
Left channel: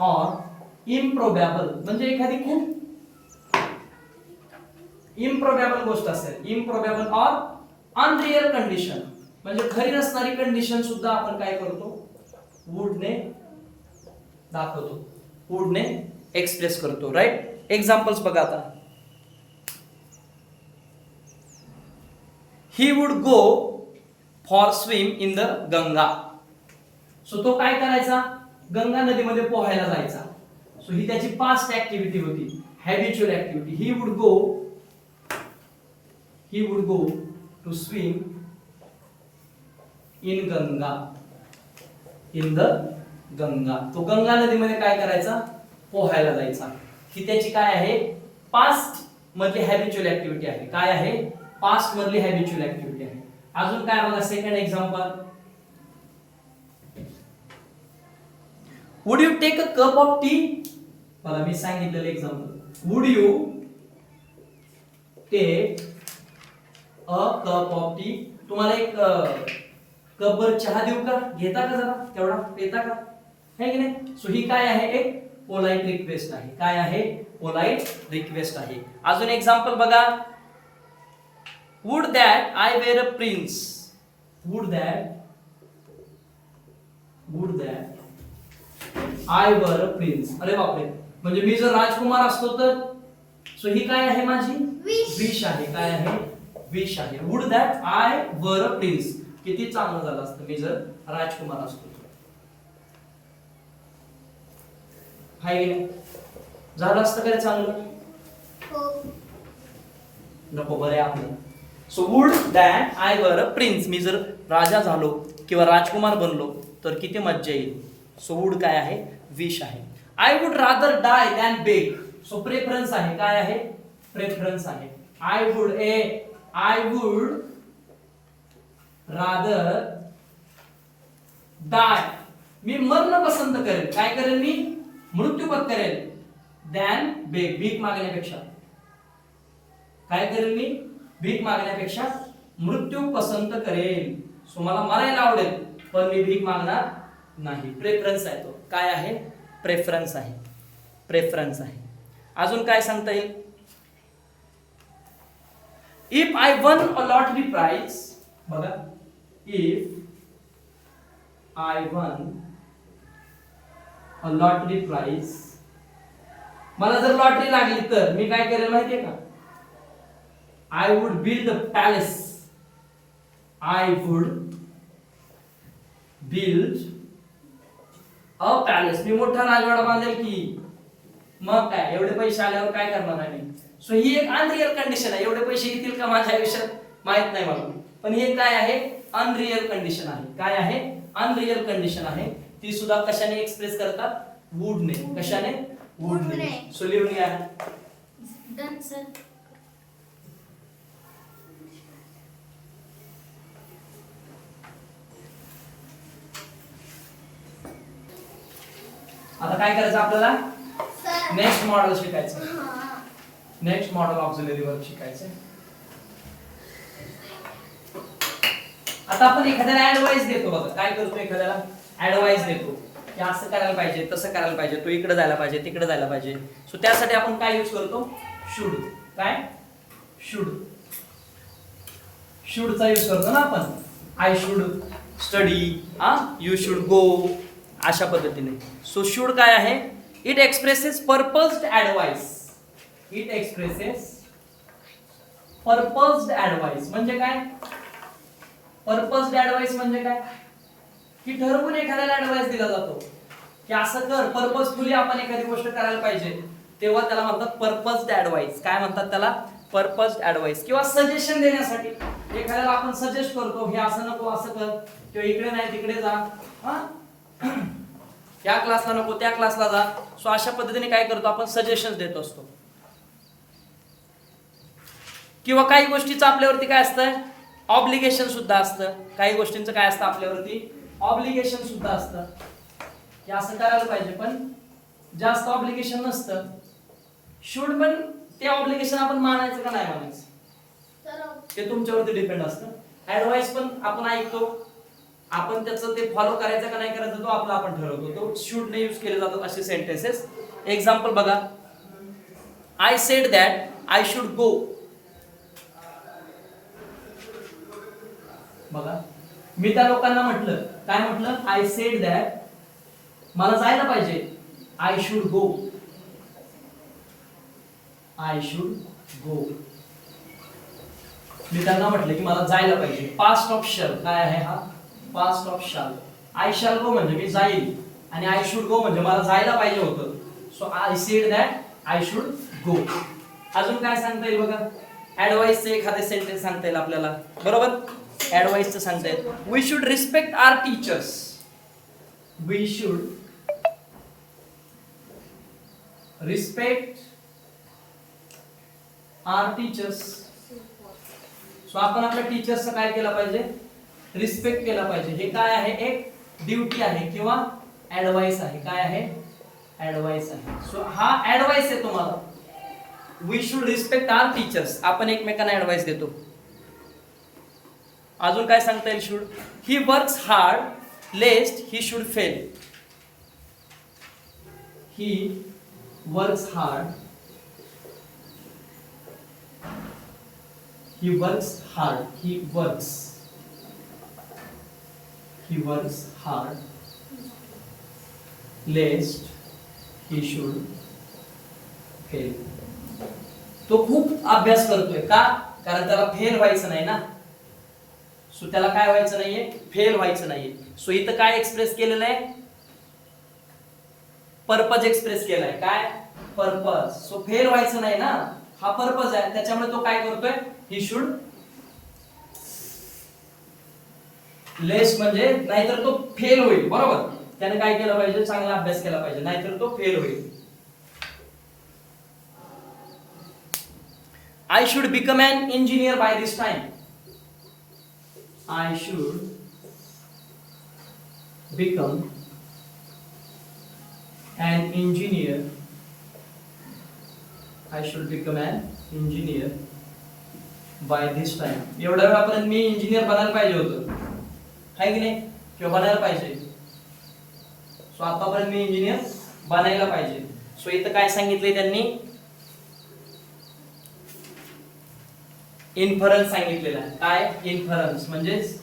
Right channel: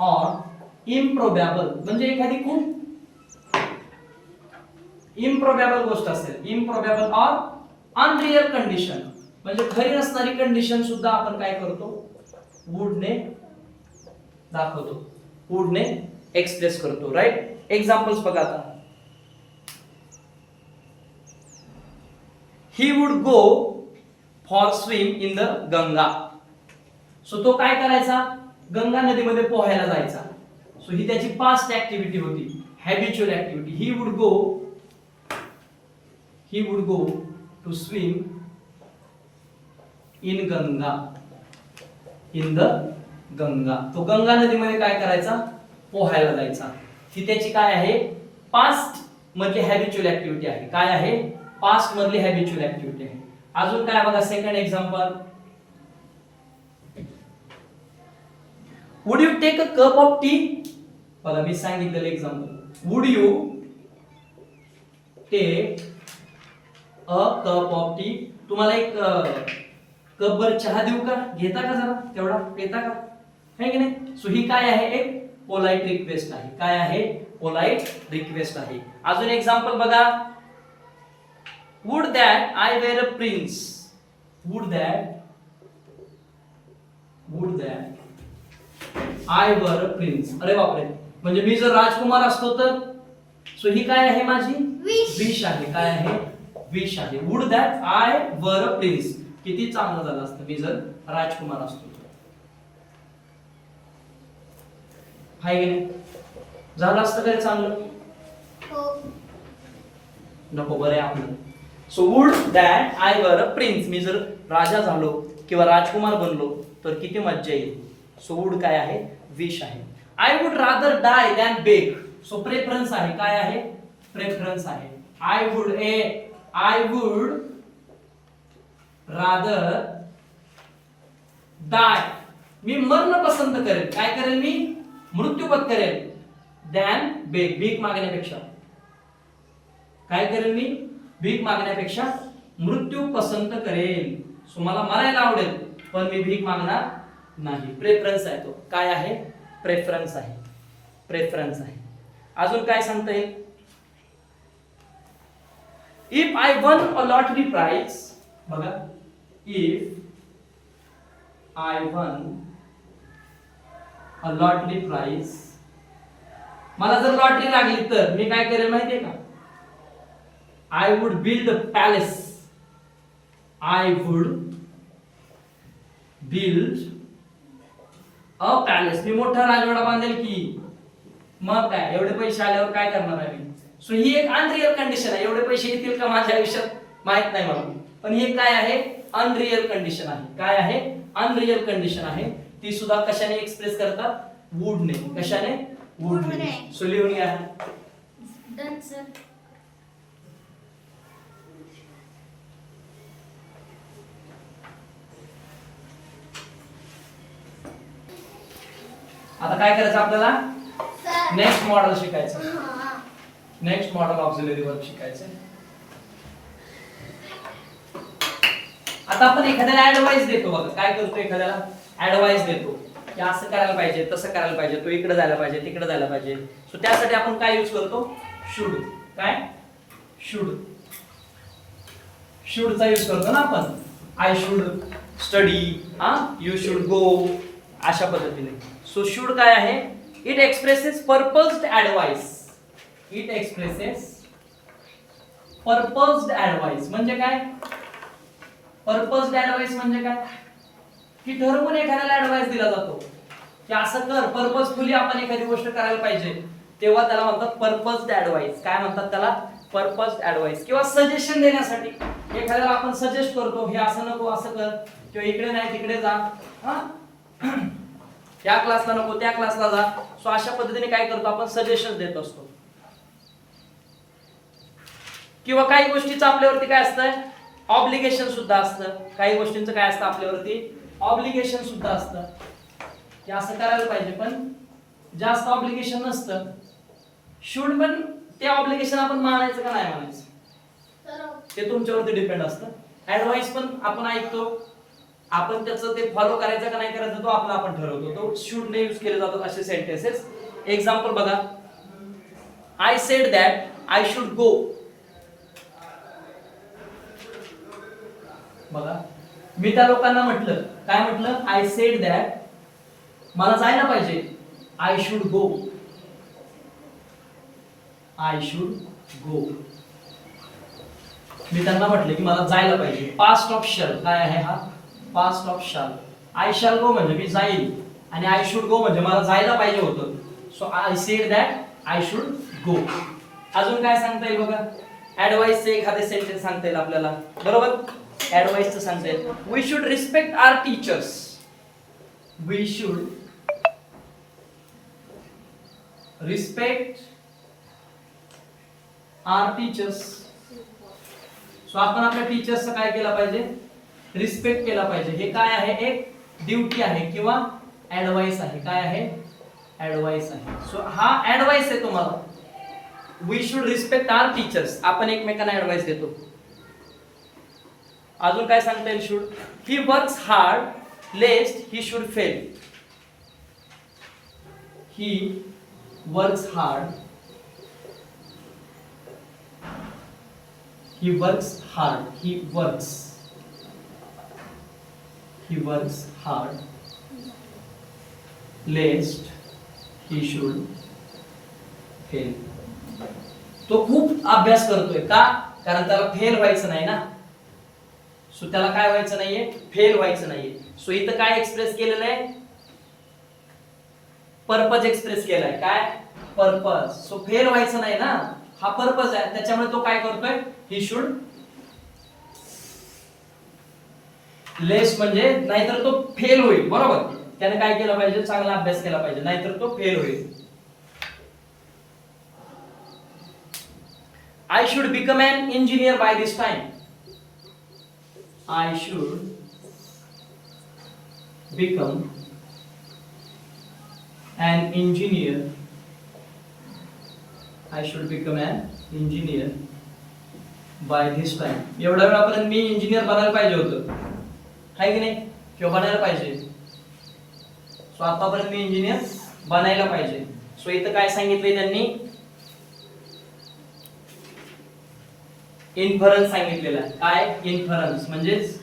ऑर इम्प्रोबेबल म्हणजे एखादी खूप इम्प्रोबेबल गोष्ट असेल. इम्प्रोबेबल ऑर अनरियल कंडिशन म्हणजे खरी नसणारी कंडिशन सुद्धा आपण काय करतो, वुडने दाखवतो, वुडने एक्सप्रेस करतो. राईट. एक्झाम्पल्स बघा आता. ही would go for swim in the Ganga. So तो काय करायचा, गंगा नदीमध्ये पोहायला जायचा. सो ही त्याची पास्ट ऍक्टिव्हिटी होती, habitual activity. He would go to swim in Ganga, in the Ganga. तो गंगा नदीमध्ये काय करायचा, पोहायला जायचा. ही त्याची काय आहे, पास्ट मधली हॅबिच्युअल ऍक्टिव्हिटी आहे. काय आहे, पास्ट मधली हॅबिच्युअल ऍक्टिव्हिटी आहे. अजून काय बघा, second example. Would you take a cup of tea. बघा मी सांगितलेलं example. Would you take a cup of tea. तुम्हाला एक कपभर चहा देऊ का, घेता का, जरा तेवढा पेता का, है की नाही. सो ही काय आहे, एक पोलाइट रिक्वेस्ट आहे. काय आहे, पोलाइट रिक्वेस्ट आहे. अजून एक्झाम्पल बघा. Would that I were a prince. Would that I were a prince. अरे बापरे, म्हणजे मी जर राजकुमार असतो तर. सो ही काय आहे, माझी विश आहे. काय आहे, विश आहे. Would that I were a prince. किती चांगलं झालं असतं मी जर राजकुमार असतो. हाय की नाही, झालं असतं काय चांगलं, नको, बरं आहे आपलं. So would that I were a prince, मी जर राजा झालो किंवा राजकुमार बनलो तर किती मज्जा येईल. सो वुड काय आहे, विश आहे. I would rather die than beg. So preference आहे. काय आहे? प्रेफरन्स आहे. आय वुड रादर डाय, मी मरण पसंत करेल. काय करेल? मी मृत्यू पत्करेल. दॅन बेग, भीक मागण्यापेक्षा. काय करेल? मी भीक मागण्यापेक्षा मृत्यू पसंत करेल. सो मला मरायला आवडेल पण मी भीक मागणार नाही. प्रेफरन्स आहे तो. काय आहे? प्रेफरन्स आहे. प्रेफरन्स आहे. अजून काय सांगता येईल? If I won a lottery prize, बघा, if I won a lottery prize, मला जर लॉटरी लागली तर मी काय करेल माहितीये का? I would build a palace. I would build a palace, मी मोठा राजवाडा बांधेल की. मग काय, एवढे पैसे आल्यावर काय करणार आहे मी? सो ही एक अनरियल कंडिशन आहे. एवढे पैसे येतील का माझ्या आयुष्यात माहित नाही मला, पण हे काय आहे? अनरियल कंडिशन आहे. काय आहे? अनरियल कंडिशन आहे. ती सुद्धा कशाने एक्सप्रेस करतात? वुडने. कशाने? वुडने. सो लिहून या. Done sir. आता काय करायचं आपल्याला? सर. नेक्स्ट मॉडेल शिकायचं. हां. नेक्स्ट मॉडेल ऑक्झिलरी वर्ब शिकायचं. आता आपण एखाद्याला ऍडवाइस देतो. बघा काय करतो? एखाद्याला ऍडवाइस देतो की असं करायला पाहिजे, तसं करायला पाहिजे, तो इकडे जायला पाहिजे, तिकडे जायला पाहिजे. सो त्यासाठी आपण काय यूज करतो? शुड. काय? शुड. शुडचा यूज करतो ना आपण. I should study, you should go, अशा पद्धतीने. सो शुड काय आहे? It expresses purposed advice. It expresses purposed advice म्हणजे काय? पर्पज्ड ऍडवाइस म्हणजे काय? की ठरवून एखाद्याला ऍडवाइस दिला जातो की असं कर, पर्पजफुली आपण एखादी गोष्ट करायला पाहिजे, तेव्हा त्याला म्हणतात पर्पज्ड ऍडवाइस. काय म्हणतात त्याला? पर्पज्ड ऍडवाइस. किंवा सजेशन देण्यासाठी एखाद्याला आपण सजेस्ट करतो, हे असं नको, असं कर, किंवा इकडे नाही तिकडे जा, त्या क्लासला नको त्या क्लासला जा. सो अशा पद्धतीने काय करतो आपण? सजेशन देत असतो. किंवा काही गोष्टीचं आपल्यावरती काय असतं? ऑब्लिगेशन सुद्धा असतं. काही गोष्टींचं काय असतं आपल्यावरती? ऑब्लिगेशन सुद्धा असतं की असं करायला पाहिजे, पण जास्त ऑब्लिगेशन नसतं. शुड पण ते ऑब्लिगेशन आपण मानायचं का नाही मानायचं ते तुमच्यावरती डिपेंड असतं. ऍडवाइस पण आपण ऐकतो, आपण त्याचं ते फॉलो करायचं का नाही करायचं तो आपला आपण ठरवतो. तो शुड ने यूज केले जातात असे सेंटेन्सेस. एक्झाम्पल बघा. I said that I should गो. बघा, मी त्या लोकांना म्हटलं. काय म्हटलं? आय सेड दॅट मला जायला पाहिजे. I should go. I should go. मी त्यांना म्हटलं की मला जायला पाहिजे. पास्ट ऑफ शॅल काय आहे? हा past of shall. I shall go म्हणजे मी जाईल, आणि आय शुड गो म्हणजे मला जायला पाहिजे होतं. So I said that I should गो. अजून काय सांगता येईल बघा? ऍडवाइसचे एखादे सेंटेन्स सांगता येईल आपल्याला. बरोबर? ऍडवाइसचं सांगता येईल. We should respect our teachers. We should respect our teachers. So आपण आपल्या टीचर्सचा काय केला पाहिजे? रिस्पेक्ट केला पाहिजे. हे काय आहे? एक ड्युटी आहे किंवा ऍडवाइस आहे. काय आहे? ऍडवाइस आहे. सो हा ऍडवाइस आहे तुम्हाला. We should respect our teachers. आपण एकमेकांना ऍडवाइस देतो. अजून काय सांगता येईल? Should. He works hard lest he should fail. He works hard. He works hard. He works. He works hard lest he should fail. तो खूप अभ्यास करतोय. का? कारण त्याला फेल व्हायचं नाही ना. सो त्याला काय व्हायचं नाहीये? फेल व्हायचं नाहीये. सो इथं काय एक्सप्रेस केलेलं आहे? पर्पज एक्सप्रेस केलाय. काय? पर्पज. सो फेल व्हायचं नाही ना, हा पर्पज आहे. त्याच्यामुळे तो काय करतोय? ही शुड लेस म्हणजे नाहीतर तो फेल होईल. बरोबर? त्याने काय केलं पाहिजे, चांगला अभ्यास केला पाहिजे, नाहीतर तो फेल होईल. I should become an engineer by this time. I should become an engineer. I should become an engineer by this time. एवढ्या वेळापर्यंत मी इंजिनियर बनायला पाहिजे होतं, आहे की नाही, किंवा बनायला पाहिजे. सो आतापर्यंत मी इंजिनियर बनायला पाहिजे. सो इथं काय सांगितलंय त्यांनी, इन्फरन्स सांगितलेला आहे. काय इन्फरन्स म्हणजेच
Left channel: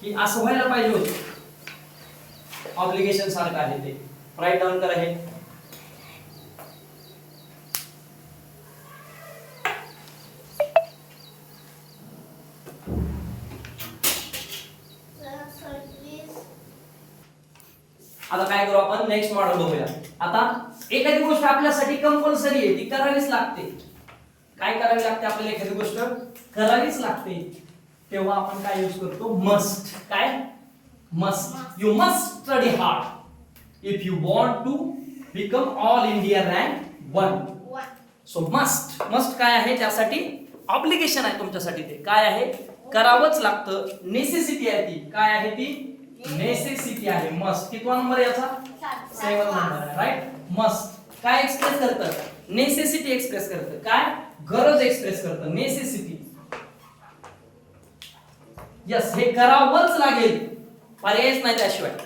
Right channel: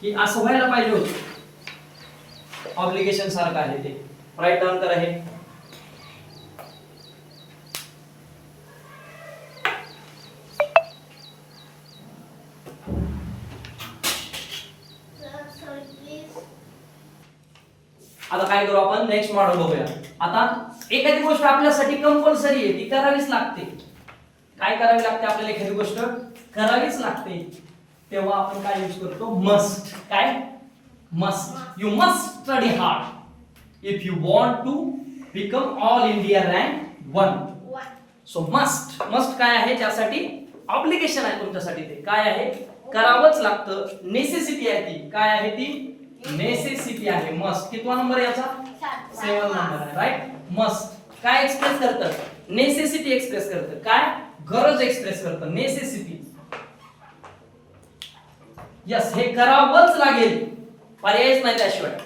की असं व्हायला पाहिजे होतं, ऑब्लिगेशन सारखं आहे ते. राईट डाऊन करा हे. आता काय करू आपण, नेक्स्ट मॉडेल बघूया. आता एखादी गोष्ट आपल्यासाठी कंपल्सरी आहे, ती करावीच लागते. काय करावी लागते आपल्याला, एखादी गोष्ट करावीच लागते, तेव्हा आपण काय यूज करतो, मस्ट. काय must. You must study hard if you want to become all India rank 1. So must. Must काय आहे, त्यासाठी ऑब्लिगेशन आहे तुमच्यासाठी, ते काय आहे, करावंच लागतं. नेसेसिटी आहे ती, काय आहे ती, नेसेसिटी आहे. मस्ट कितवा नंबर याचा, 7 नंबर आहे. राईट. मस्ट काय एक्सप्रेस करतं, नेसेसिटी एक्सप्रेस करतं. काय, गरज एक्सप्रेस करतं, नेसेसिटी. यस, हे करावंच लागेल, पर्यायच नाही त्याशिवाय.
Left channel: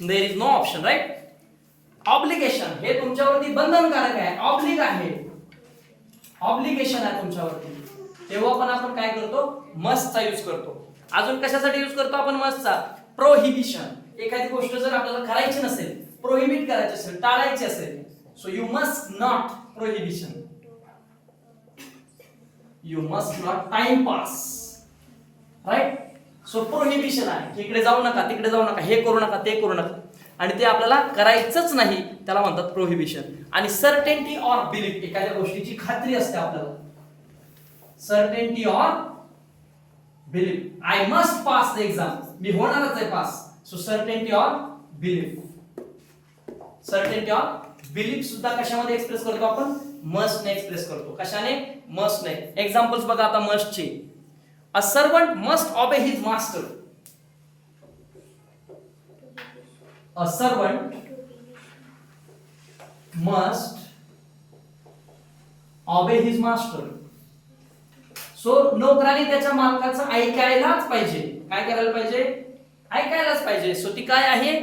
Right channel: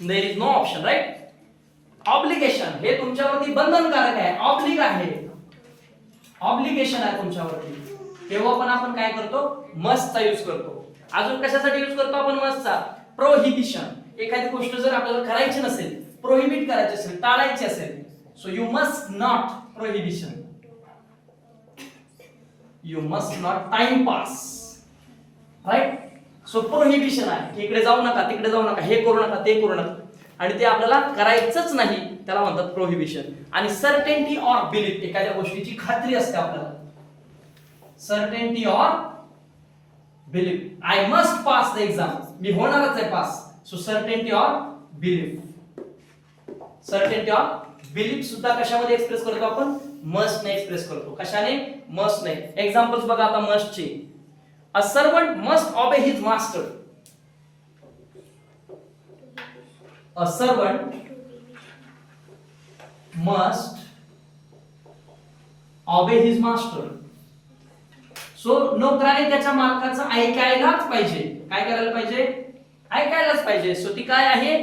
There is no option. Right. Obligation हे तुमच्यावरती बंधनकारक आहे, ऑब्लिग आहे, ऑब्लिगेशन आहे तुमच्यावरती, तेव्हा पण आपण काय करतो, मस्टचा यूज करतो. अजून कशासाठी यूज करतो आपण मस्टचा, प्रोहिबिशन. एखादी गोष्ट जर आपल्याला करायची नसेल, प्रोहिबिट करायची असेल, टाळायची असेल, so you must not. Prohibition, you must not time pass. Right. So prohibition आहे, इकडे जाऊ नका, तिकडे जाऊ नका, हे करू नका, ते करू नका, आणि ते आपल्याला करायचंच नाही, त्याला म्हणतात प्रोहिबिशन. आणि सर्टेनिटी ऑर बिलीफ, एखाद्या गोष्टीची खात्री असते आपल्याला. Certainty or belief, I must pass the exam, मी होणारच आहे pass. So certainty or belief. Certainty or belief सुद्धा कशामध्ये एक्सप्रेस करतो आपण, मस्ट ने एक्सप्रेस करतो. कशाने, मस्ट ने. एक्झाम्पल्स बघा आता मस्टचे. A servant must obey his master. A servant must obey his master. So नोकराने त्याच्या मालकाचं ऐकायलाच पाहिजे. काय करायला पाहिजे, ऐकायलाच पाहिजे. सो ती काय आहे,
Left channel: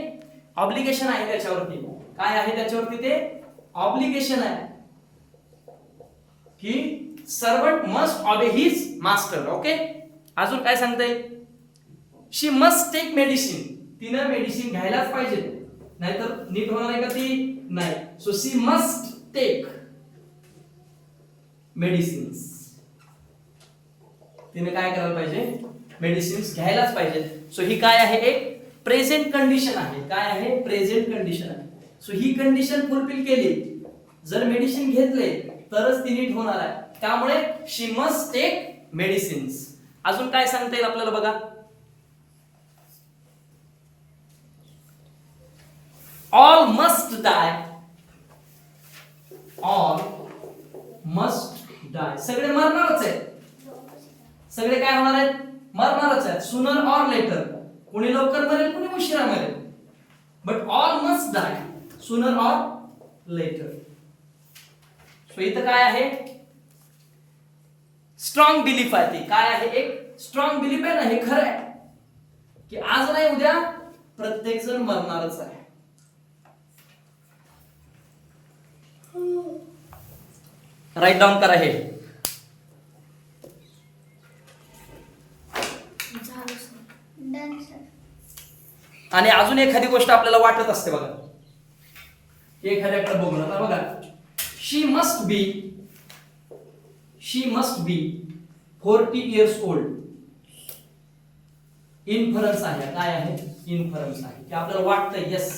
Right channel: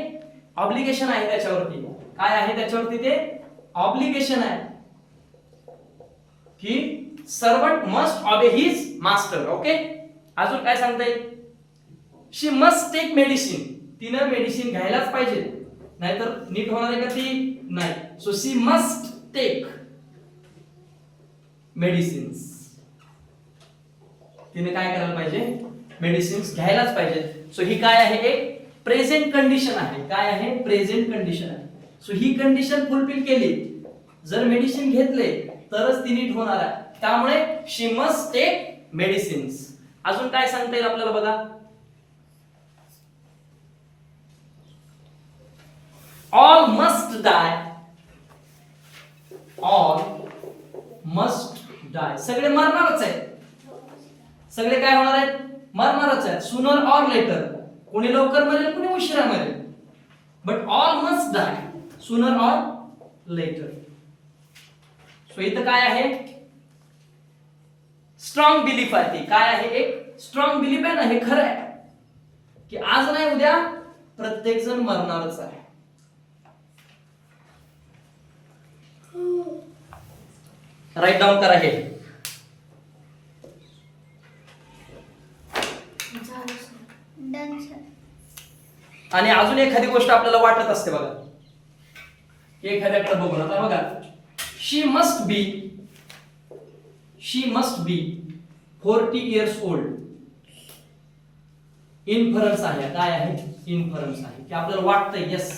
ऑब्लिगेशन आहे त्याच्यावरती. काय आहे त्याच्यावरती, ते ऑब्लिगेशन आहे की servant must obey his master. Okay. अजून काय सांगताय, शी मस्ट टेक मेडिसिन. तिनं मेडिसिन घ्यायलाच पाहिजे, नाहीतर नीट होणार आहे का ती, नाही. So she must take medicines. तिने काय करायला पाहिजे, मेडिसिन्स घ्यायलाच पाहिजे. सो ही काय आहे, एक प्रेझेंट कंडिशन आहे. काय आहे, प्रेझेंट कंडिशन आहे. सो ही कंडिशन फुलफिल केली, जर मेडिसिन घेतले तरच ती नीट होणार आहे. त्यामुळे शी मस्ट टेक मेडिसिन्स. अजून काय सांगता येईल आपल्याला बघा, ऑल मस्ट डाय. ऑल मस्ट डाय, सगळे मरणारच आहेत. सगळे काय होणार आहेत, मरणारच आहेत. सुनर ऑर लेटर, कोणी लवकर मरेल, कोणी उशिरा मरेल, बट ऑल मस्ट डाय सुनर ऑर लेटर. सो इथं काय आहे, स्ट्रॉंग बिलीफ आहे. ती काय आहे, एक स्ट्रॉंग बिलीफ आहे ना, हे खरं आहे की आज नाही उद्या प्रत्येक जण मरणारच आहे. राईट डाऊन करा हे. आणि अजून एखादी गोष्ट आपल्याला वाटत असते बघा, एखाद्याकडे बघून. आता बघा, she must be 40 years old. Inference आहे. काय आहे, इन्फरन्स आहे की आपल्याला वाटतं, यस,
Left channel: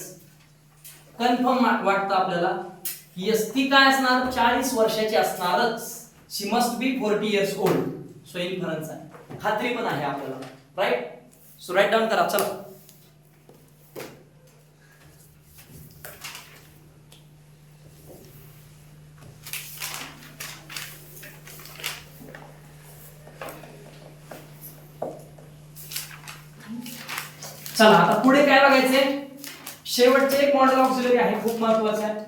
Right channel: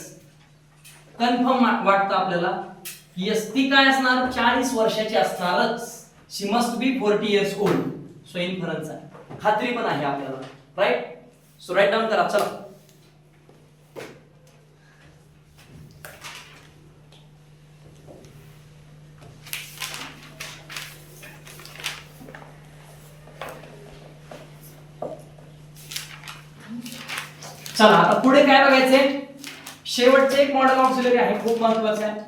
कन्फर्म वाटतं आपल्याला, यस, ती काय असणार, 40 वर्षाची असणारच. She must be 40 years old. So inference आहे, खात्री पण आहे आपल्याला. राईट. सो राईट डाऊन करा. चला, चला आता पुढे काय बघायचंय, शेवटचे एक मॉडेल ऑक्झिलरी आहे, खूप महत्वाचं आहे.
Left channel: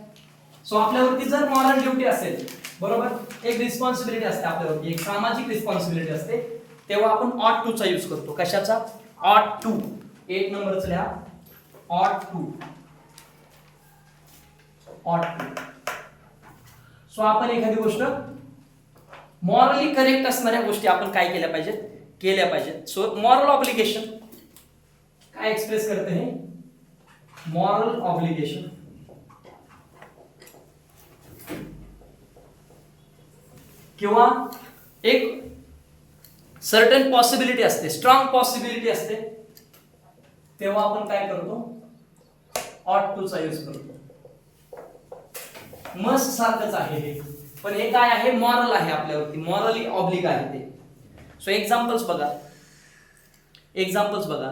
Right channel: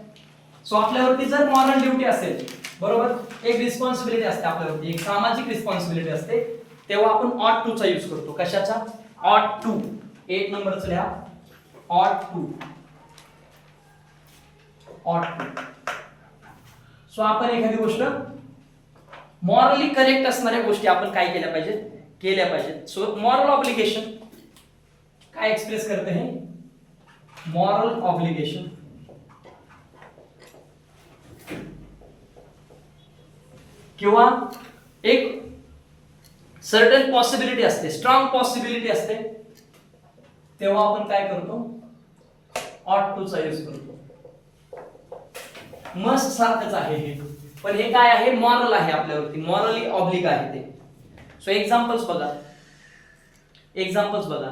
सो आपल्यावरती जर मॉरल ड्युटी असेल, बरोबर, एक रिस्पॉन्सिबिलिटी असते आपल्यावरती, एक सामाजिक रिस्पॉन्सिबिलिटी असते, तेव्हा आपण ऑट टू चा यूज करतो. कशाचा? ऑट टू. एक नंबरच लिहा, ऑट टू. ऑट टू. सो आपण एखादी गोष्ट मॉरली करेक्ट असणाऱ्या गोष्टी आपण काय केल्या पाहिजेत, केल्या पाहिजेत. सो मॉरल ऑब्लिगेशन काय एक्सप्रेस करते हे, मॉरल ऑब्लिगेशन. किंवा एक सर्टन पॉसिबिलिटी असते, स्ट्रॉंग पॉसिबिलिटी असते, तेव्हा आपण काय करतो, ऑट टू चा यूज करतो. मस्ट सारखंच आहे हे, पण हे काय आहे, मॉरल आहे आपल्यावरती, मॉरली ऑब्लिक आहे ते. सो एक्झाम्पल्स बघा, एक्झाम्पल्स बघा.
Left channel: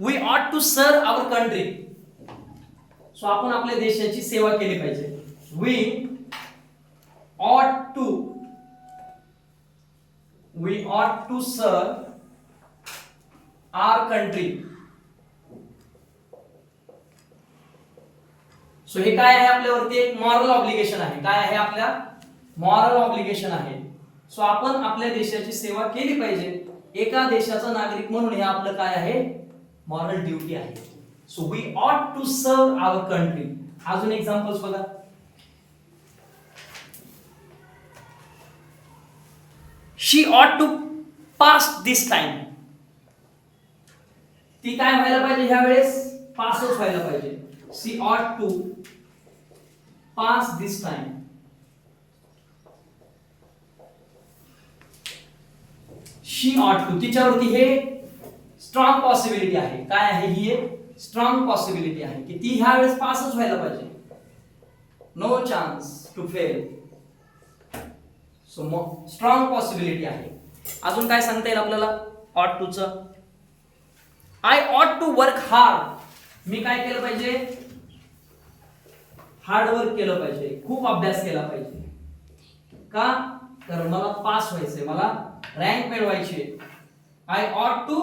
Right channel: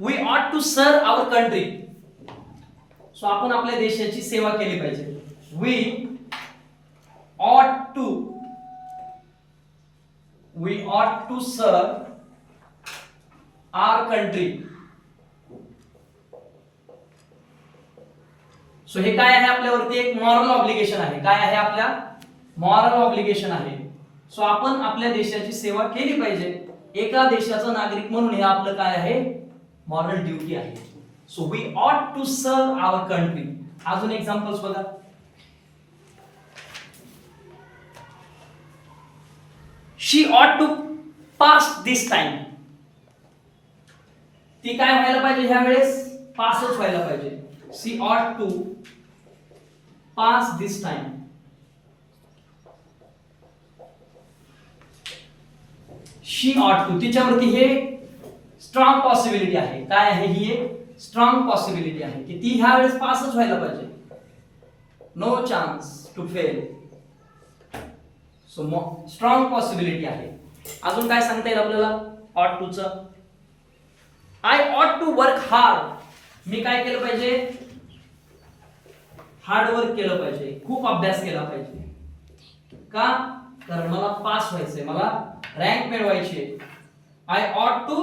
वी ऑट to serve our country. So आपण आपल्या देशाची सेवा केली पाहिजे. वी ऑट to serve our country. So हे काय आहे, आपल्यावरती एक मॉरल ऑब्लिगेशन आहे. काय आहे, आपल्या मॉरल ऑब्लिगेशन आहे. सो आपण आपल्या देशाची सेवा केली पाहिजे, एका देशाचा नागरिक म्हणून हे आपलं काय आहे, मॉरल ड्युटी आहे. सो वी ऑट टू सर्व आवर कंट्री. अजून एक्झाम्पल्स बघा. शी ऑट टू पास दिस टाइम. ती काय व्हायला पाहिजे, ह्या वेळेस पासच व्हायला पाहिजे. शी ऑट टू पास दिस टाइम. शी ऑट टू, तिच्यावरती हे स्ट्रॉंग पॉसिबिलिटी आहे. काय आहे ही, एक स्ट्रॉंग पॉसिबिलिटी आहे की ती ह्या वेळेस पासच व्हायला पाहिजे. No chance to fail. So strong possibility आहे. अजून काय सांगता येईल आपल्याला ऑट टू च, I ought to work hard. मी काय केलं पाहिजे, हार्ड वर्क केलं पाहिजे, खूप अभ्यास केला पाहिजे. का? तर मला पास व्हायचंय, मला रँक मिळवायची. I ought to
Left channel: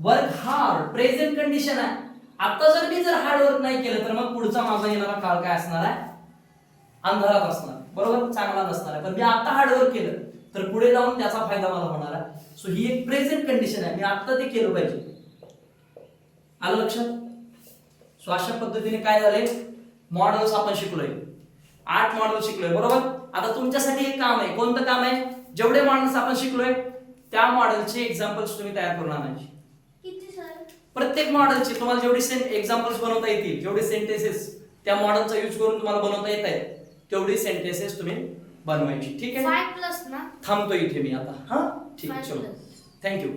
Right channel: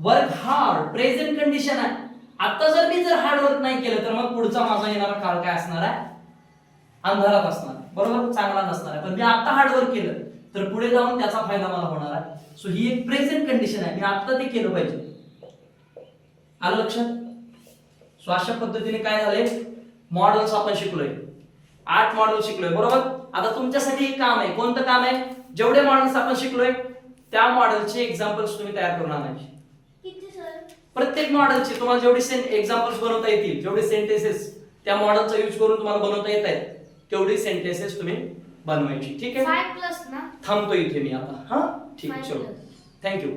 work hard. Present condition आहे. आता जर मी हार्ड वर्क नाही केलं तर मग पुढचा माझा येणारा काळ काय असणार आहे, अंधारात असणार, बरोबर, चांगला नसणार आहे. पण मी आता हार्ड वर्क केलं तर पुढे जाऊन त्याचा फायदा मला होणार आहे. सो ही एक प्रेझेंट कंडिशन आहे, मी आता ते केलं पाहिजे. आलं लक्षात? सो अशा पद्धतीने काय झाले, मॉडेल्स आपण शिकलोय, 8 मॉडेल शिकलोय, बरोबर. आता तुमच्यासाठी एक काम आहे. कोणतं काम आहे, जेवढे मॉडेल्स आपण शिकलोय त्या मॉडेलचे एक्झाम्पल्स तुम्ही तयार करून आणायचे. किती सर? प्रत्येक मॉडेलचे तुम्हाला जेवढे एक्झाम्पल्स बनवता येतील, जेवढे सेंटेन्सेस त्या मॉडेलचा यूज करून तुम्हाला बनवता येत आहेत, तेवढी सेंटेन्सेस तुम्ही बनवायची. ठीक आहे, 5 प्लस ना. थांबतो इथे मी आता. हा ठीक आहे, 5 चलो, plus. थँक्यू.